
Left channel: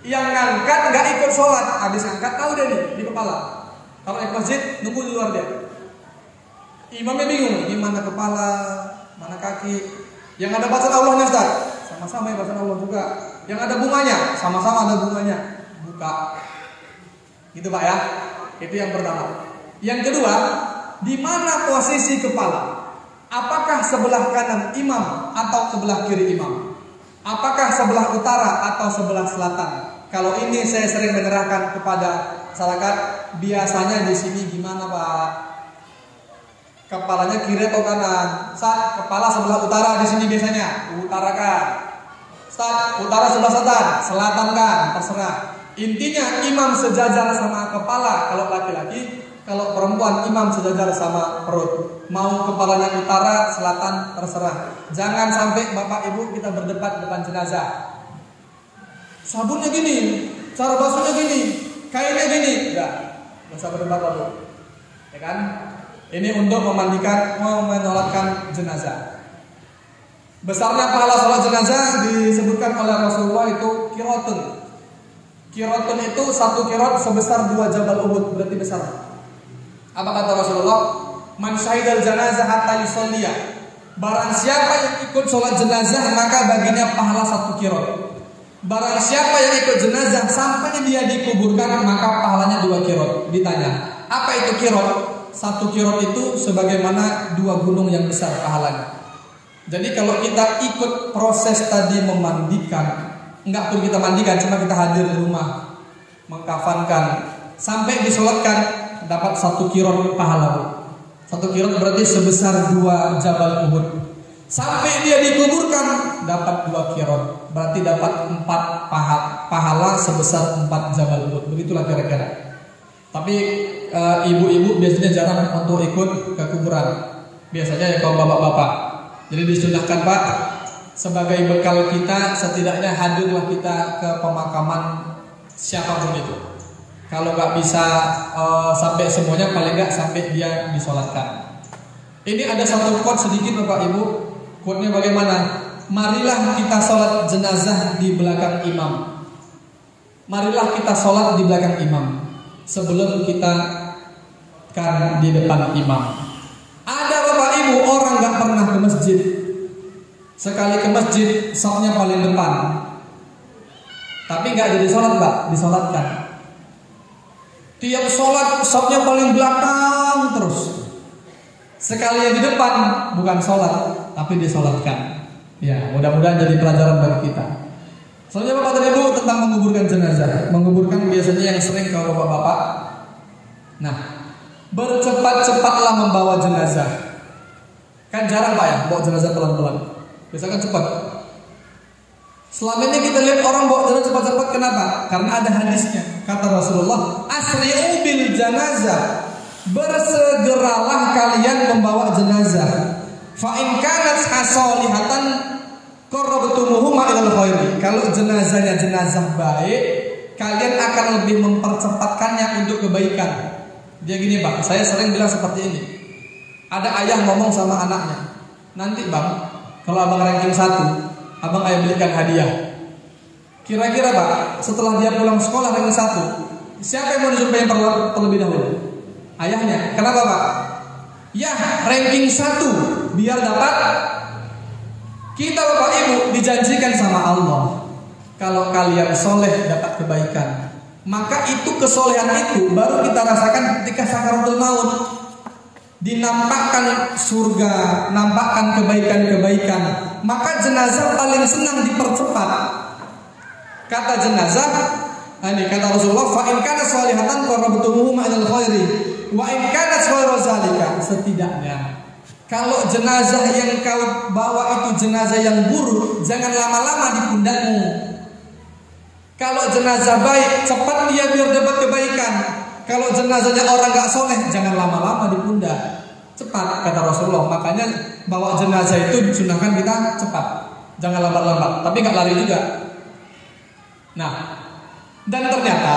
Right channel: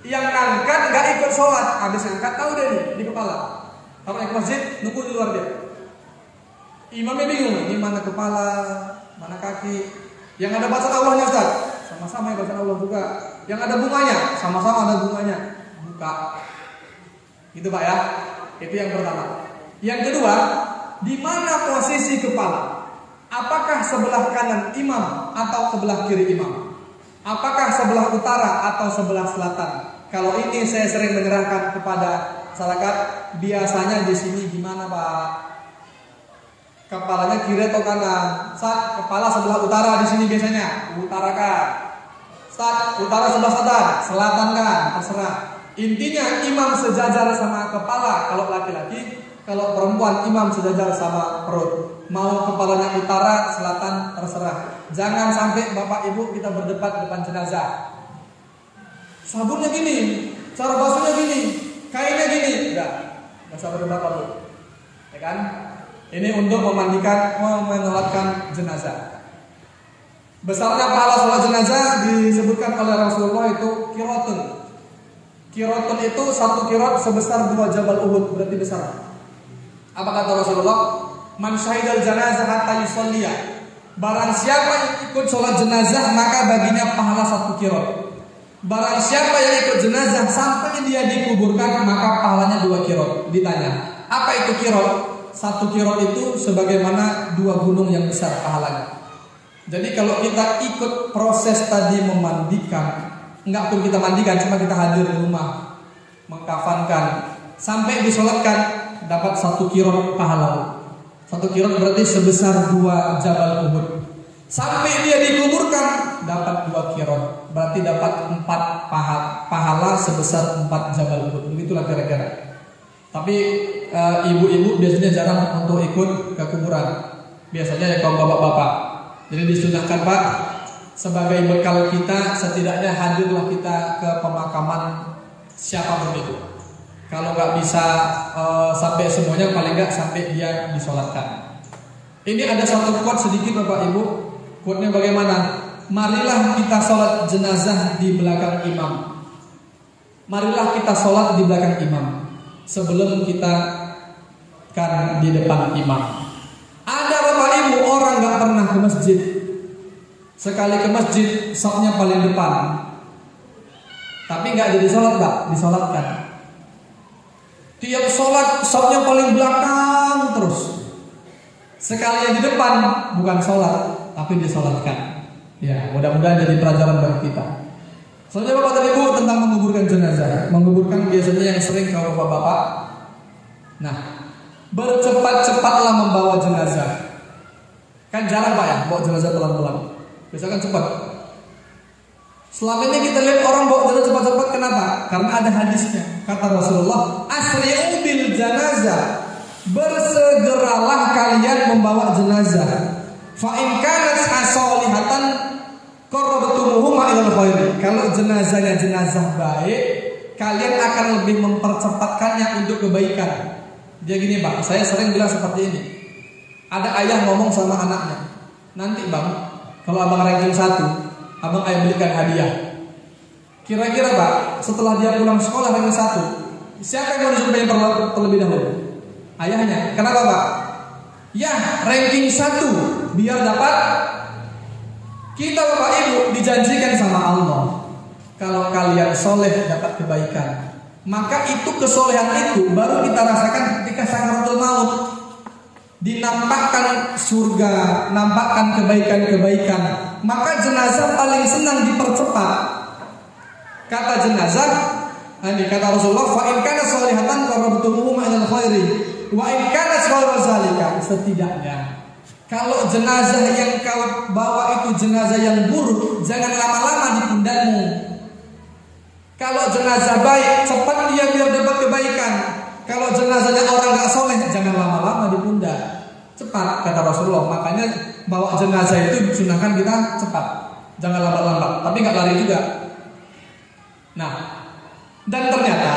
Yang ngangkat nggak ikut sholat. Habis ngangkat tahu deh nih di kepala. Kalau naik masjid nunggu di luar dia. Imamnya bingung, ini mana kepala, mana kaki. Yang ada bacaan Allahnya Ustaz, sama-sama ya bacaan Allah juga. Yang ada bunganya, sama-sama ada bunganya. Buka. Gitu Pak ya. Itu yang pertama. Yang kedua, di mana posisi kepala? Apakah sebelah kanan imam atau sebelah kiri imam? Apakah sebelah utara atau sebelah selatan? Kalau ini saya sering menerangkan kepada masyarakat, biasanya di sini gimana Pak? Kepalanya kiri atau kanan? Saat kepala sebelah utara di sini biasanya utarakan. Saat utara sebelah selatan kan, terserah. Intinya imam sejajar sama kepala kalau laki-laki, kalau perempuan imam sejajar sama perut. Mau kepalanya utara, selatan, terserah. Jangan sampai bapak ibu kita berdebat depan jenazah. Sabunnya gini, cara basuhnya gini, kainnya gini. Enggak usah berdebat dulu. Ya kan? Ini untuk memandikan, menyolatkan jenazah. Besarnya pahala sholat jenazah disebutkan oleh Rasulullah itu qiratun. Qiratun itu satu qirat sebesar 2 jabal Uhud, berarti besar. Apa kata Rasulullah? Man syahidal janazah hatta yusolliya. Barang siapa yang ikut sholat jenazah maka baginya pahala 1 qirat. Barang siapa yang ikut jenazah sampai dia dikuburkan maka pahalanya 2 qirat. Ditanya, apa itu qirat? 1 qirat itu sebagaimana 2 gunung yang besar pahalanya. Jadi kalau kita ikut proses tadi memandikan, enggak pun kita mandikan, cuma kita hadir di rumah, mengkafankan, sampai disolatkan, dapat 1 qirat pahala. 1 qirat berarti sebesar 2 jabal Uhud. Sampai dia dikuburkan, dapat 2 qirat, berarti dapat 4 pahala sebesar 4 jabal Uhud. Begitulah kira-kira. Tapi ibu-ibu biasanya jarang untuk ikut ke kuburan. Biasanya kalau bapak-bapak. Jadi disunahkan Pak, sebagai bekal kita setidaknya hadirlah kita ke pemakaman siapapun itu. Kalau nggak bisa sampai semuanya, paling nggak sampai dia disolatkan. Ini ada satu quote sedikit Bapak Ibu. Quote-nya bagaimana? Marilah kita sholat jenazah di belakang imam. Marilah kita sholat di belakang imam sebelum kita kan di depan imam. Ada Bapak Ibu orang nggak pernah ke masjid. Sekali ke masjid, safnya paling depan. Tapi nggak jadi sholat Pak, disolatkan. Tiap sholat, safnya paling belakang terus. Sekali yang di depan, bukan sholat, tapi disolatkan. Ya, mudah-mudahan jadi pelajaran bagi kita. Soalnya Bapak dan Ibu tentang menguburkan jenazah. Menguburkan biasanya yang sering kalau bapak-bapak. Nah, bercepat-cepatlah membawa jenazah. Kan jarang Pak ya, bawa jenazah pelan-pelan. Biasanya kan cepat. Selama ini kita lihat orang bawa jenazah cepat-cepat, kenapa? Karena ada hadisnya. Kata Rasulullah, asri'u bil janazah. Bersegeralah kalian membawa jenazah. Fa in kanat asolihatan qarrabtumuhum ilal khairi. Kalau jenazahnya jenazah baik, kalian akan lebih mempercepatkannya untuk kebaikan. Dia gini Pak, saya sering bilang seperti ini. Ada ayah ngomong sama anaknya, nanti Bang, kalau abang ranking 1, abang ayah belikan hadiah. Kira-kira Pak, setelah dia pulang sekolah ranking 1, siapa yang mau disuruh terlebih dahulu? Ayahnya. Kenapa Pak? Ya, ranking 1 biar dapat. Kita Bapak Ibu dijanjikan sama Allah, kalau kalian soleh dapat kebaikan. Maka itu kesolehan itu baru kita rasakan ketika sakaratul maut. Dinampakkan surga, nampakkan kebaikan-kebaikan. Maka jenazah paling senang dipercepat. Kata jenazah, ini kata Rasulullah, fa in kana sholihatan qarabtumuhu ma'al khairi wa in kana ghairu zalika. Setidaknya kalau jenazah yang kau bawa itu jenazah yang buruk, jangan lama-lama di pundakmu. Kalau jenazah baik, cepat dia biar dapat kebaikan. Kalau jenazahnya orang gak soleh, jangan lama-lama di pundak. Cepat, kata Rasulullah. Makanya bawa jenazah itu disunahkan kita cepat, jangan lambat-lambat. Tapi gak lari juga. Nah, dan ternyata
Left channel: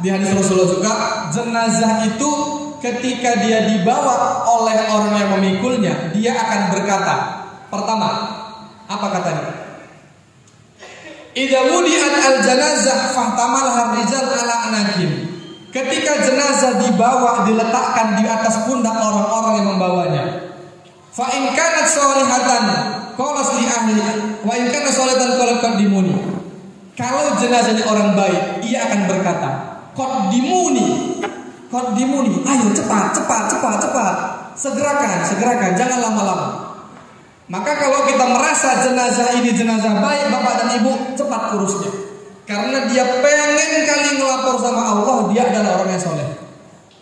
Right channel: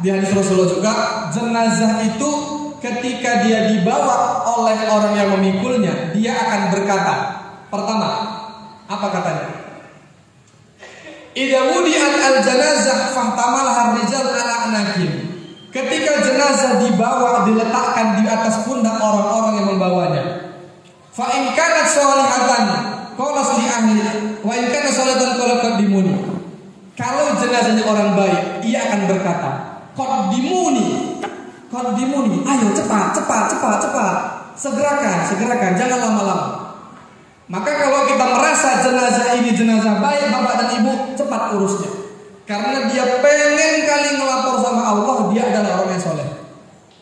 di hadis Rasulullah juga, jenazah itu ketika dia dibawa oleh orang yang memikulnya, dia akan berkata, pertama, apa katanya? Idza wudi'at al-janazah fahtamalha ar-rijal ala anaqin. Ketika jenazah dibawa, diletakkan di atas pundak orang-orang yang membawanya. Fa in kanat sholihatan qalas li ahli wa in kanat sholihatan qadimuni. Kalau jenazahnya orang baik, ia akan berkata, qadimuni, ayo cepat, segerakan, jangan lama-lama. Maka kalau kita merasa jenazah ini jenazah baik, bapak dan ibu, cepat urusnya. Karena dia pengen kali ngelapor sama Allah, dia adalah orang yang soleh.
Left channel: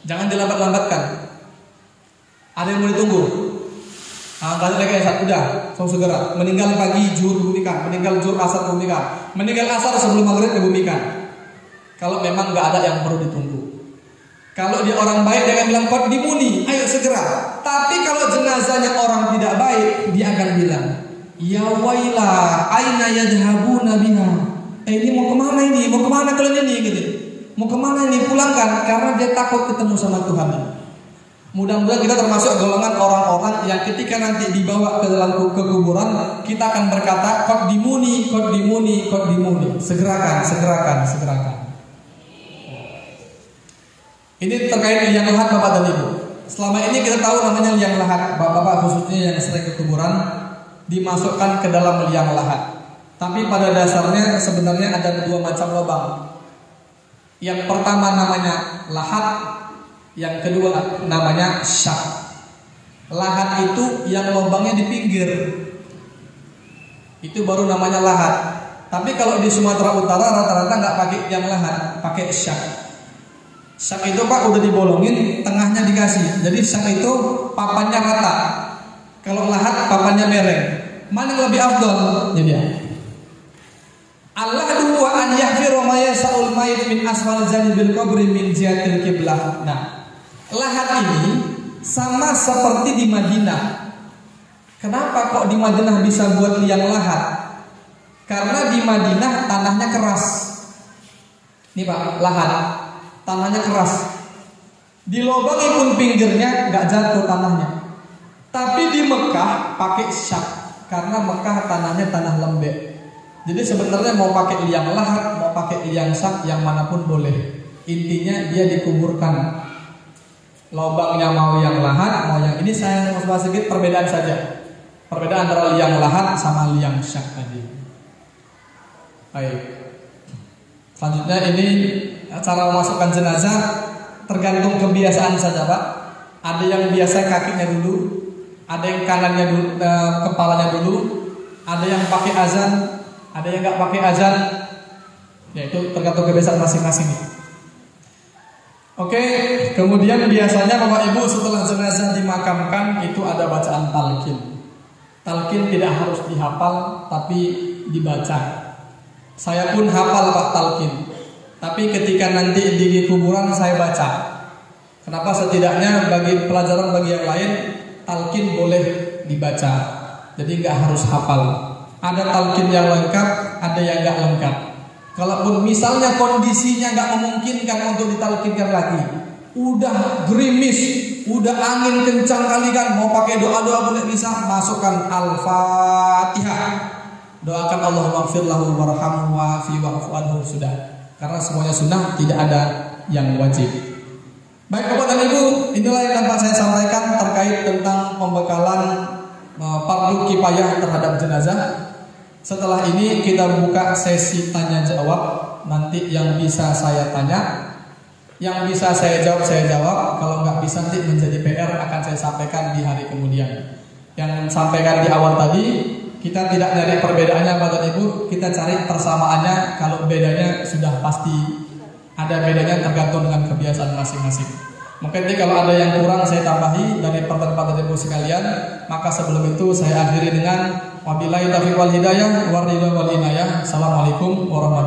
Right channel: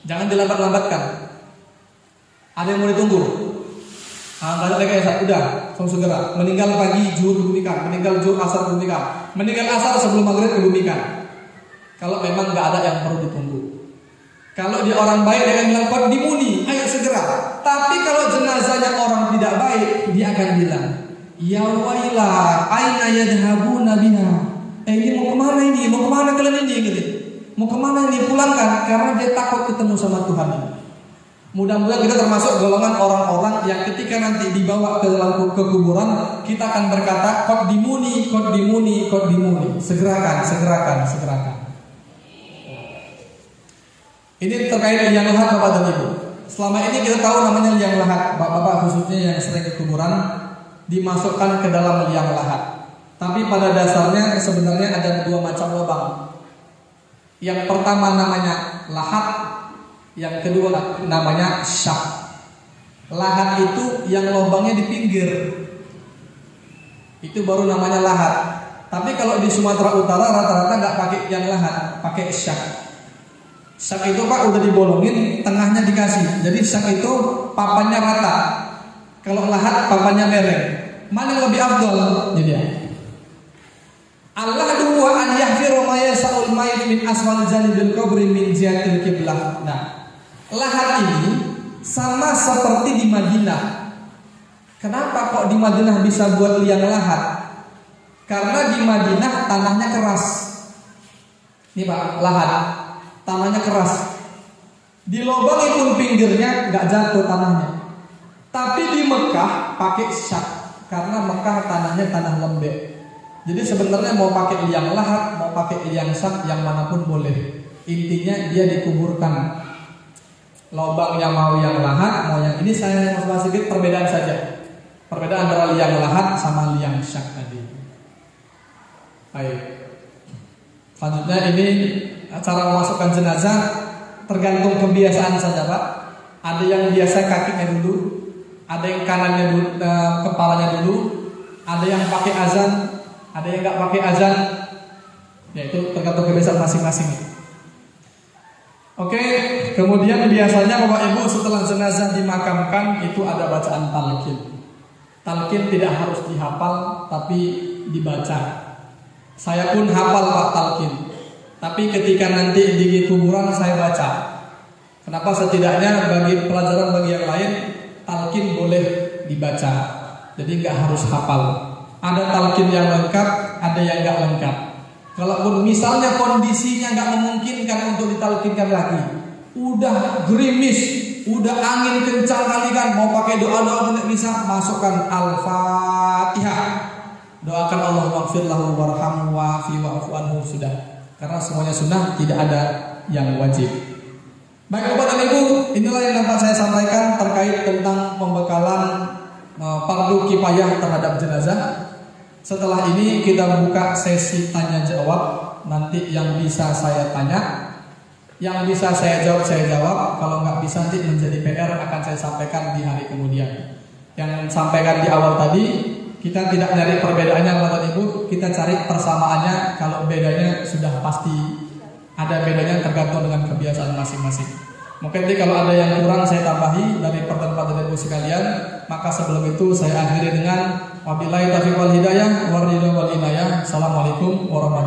Jangan dilambat-lambatkan. Ada yang mau ditunggu. Kalau lagi udah, langsung segera. Meninggal pagi, zuhur nikah, meninggal zuhur asar nikah, meninggal asar sebelum maghrib nikah. Kalau memang nggak ada yang perlu ditunggu. Kalau dia orang baik, dia akan bilang qadimuni, ayo segera. Tapi kalau jenazahnya orang tidak baik, dia akan bilang, ya wailah, aina yadhhabuna biha. Ini mau kemana ini? Mau kemana kalian ini? Gitu. Mau kemana ini? Pulangkan, karena dia takut ketemu sama Tuhan. Mudah-mudahan kita termasuk golongan orang-orang yang ketika nanti dibawa ke dalam kuburan, kita akan berkata, qadimuni. Segerakan. Ini terkait liang lahat bapak dan ibu. Selama ini kita tahu namanya liang lahat. Bapak-bapak khususnya yang sering ke kuburan dimasukkan ke dalam liang lahat. Tapi pada dasarnya sebenarnya ada dua macam lubang. Yang pertama namanya lahat, yang kedua namanya syak. Lahat itu yang lubangnya di pinggir, itu baru namanya lahat. Tapi kalau di Sumatera Utara rata-rata nggak pakai yang lahat, pakai syak. Syak itu pak udah dibolongin, tengahnya dikasih. Jadi syak itu papannya rata. Kalau lahat papannya mereng. Mana yang lebih afdal? Jadi Allah dua an yahfiru ma yasaul mayit min asmal janibil qabri min jihatil qiblah. Nah, lahat ini sama seperti di Madinah. Kenapa kok di Madinah bisa buat liang lahat? Karena di Madinah tanahnya keras. Ini pak, lahat tanahnya keras. Dilobangi pun pinggirnya nggak jatuh tanahnya. Tapi di Mekah pakai syak karena Mekah tanahnya tanah lembek. Jadi sebenarnya mau pakai liang lahat, mau pakai liang syak, yang manapun boleh. Intinya dia dikuburkan. Lubangnya mau yang lahat, mau yang ini saya mau bahas sedikit perbedaan saja. Perbedaan antara liang lahat sama liang syak tadi. Baik. Selanjutnya ini cara memasukkan jenazah tergantung kebiasaan saja pak. Ada yang biasa kakinya dulu, ada yang kanannya dulu, kepalanya dulu, ada yang pakai azan, ada yang nggak pakai azan. Ya itu tergantung kebiasaan masing-masing. Oke, kemudian biasanya bapak ibu setelah jenazah dimakamkan itu ada bacaan talqin. Talqin tidak harus dihafal tapi dibaca. Saya pun hafal pak talqin. Tapi ketika nanti di kuburan saya baca. Kenapa? Setidaknya bagi pelajaran bagi yang lain talqin boleh dibaca. Jadi nggak harus hafal. Ada talqin yang lengkap, ada yang nggak lengkap. Kalaupun misalnya kondisinya nggak memungkinkan untuk ditalqinkan lagi, udah gerimis, udah angin kencang kali kan, mau pakai doa-doa boleh bisa, masukkan Al-Fatihah. Doakan Allah maghfir lahu warhamhu wa'afi wa'fu anhu sudah. Karena semuanya sunnah, tidak ada yang wajib. Baik Bapak dan Ibu, inilah yang dapat saya sampaikan terkait tentang pembekalan fardu kifayah terhadap jenazah. Setelah ini kita buka sesi tanya jawab. Nanti yang bisa saya tanya, yang bisa saya jawab, saya jawab. Kalau nggak bisa nanti menjadi PR akan saya sampaikan di hari kemudian. Yang sampaikan di awal tadi, kita tidak cari perbedaannya Bapak Ibu, kita cari persamaannya. Kalau bedanya sudah pasti ada bedanya tergantung dengan kebiasaan masing-masing. Mungkin nanti kalau ada yang kurang saya tambahi dari pertanyaan Ibu sekalian. Maka sebelum itu saya akhiri dengan wabillahi taufiq wal hidayah, waridho wal inayah. Assalamualaikum warahmatullahi wabarakatuh.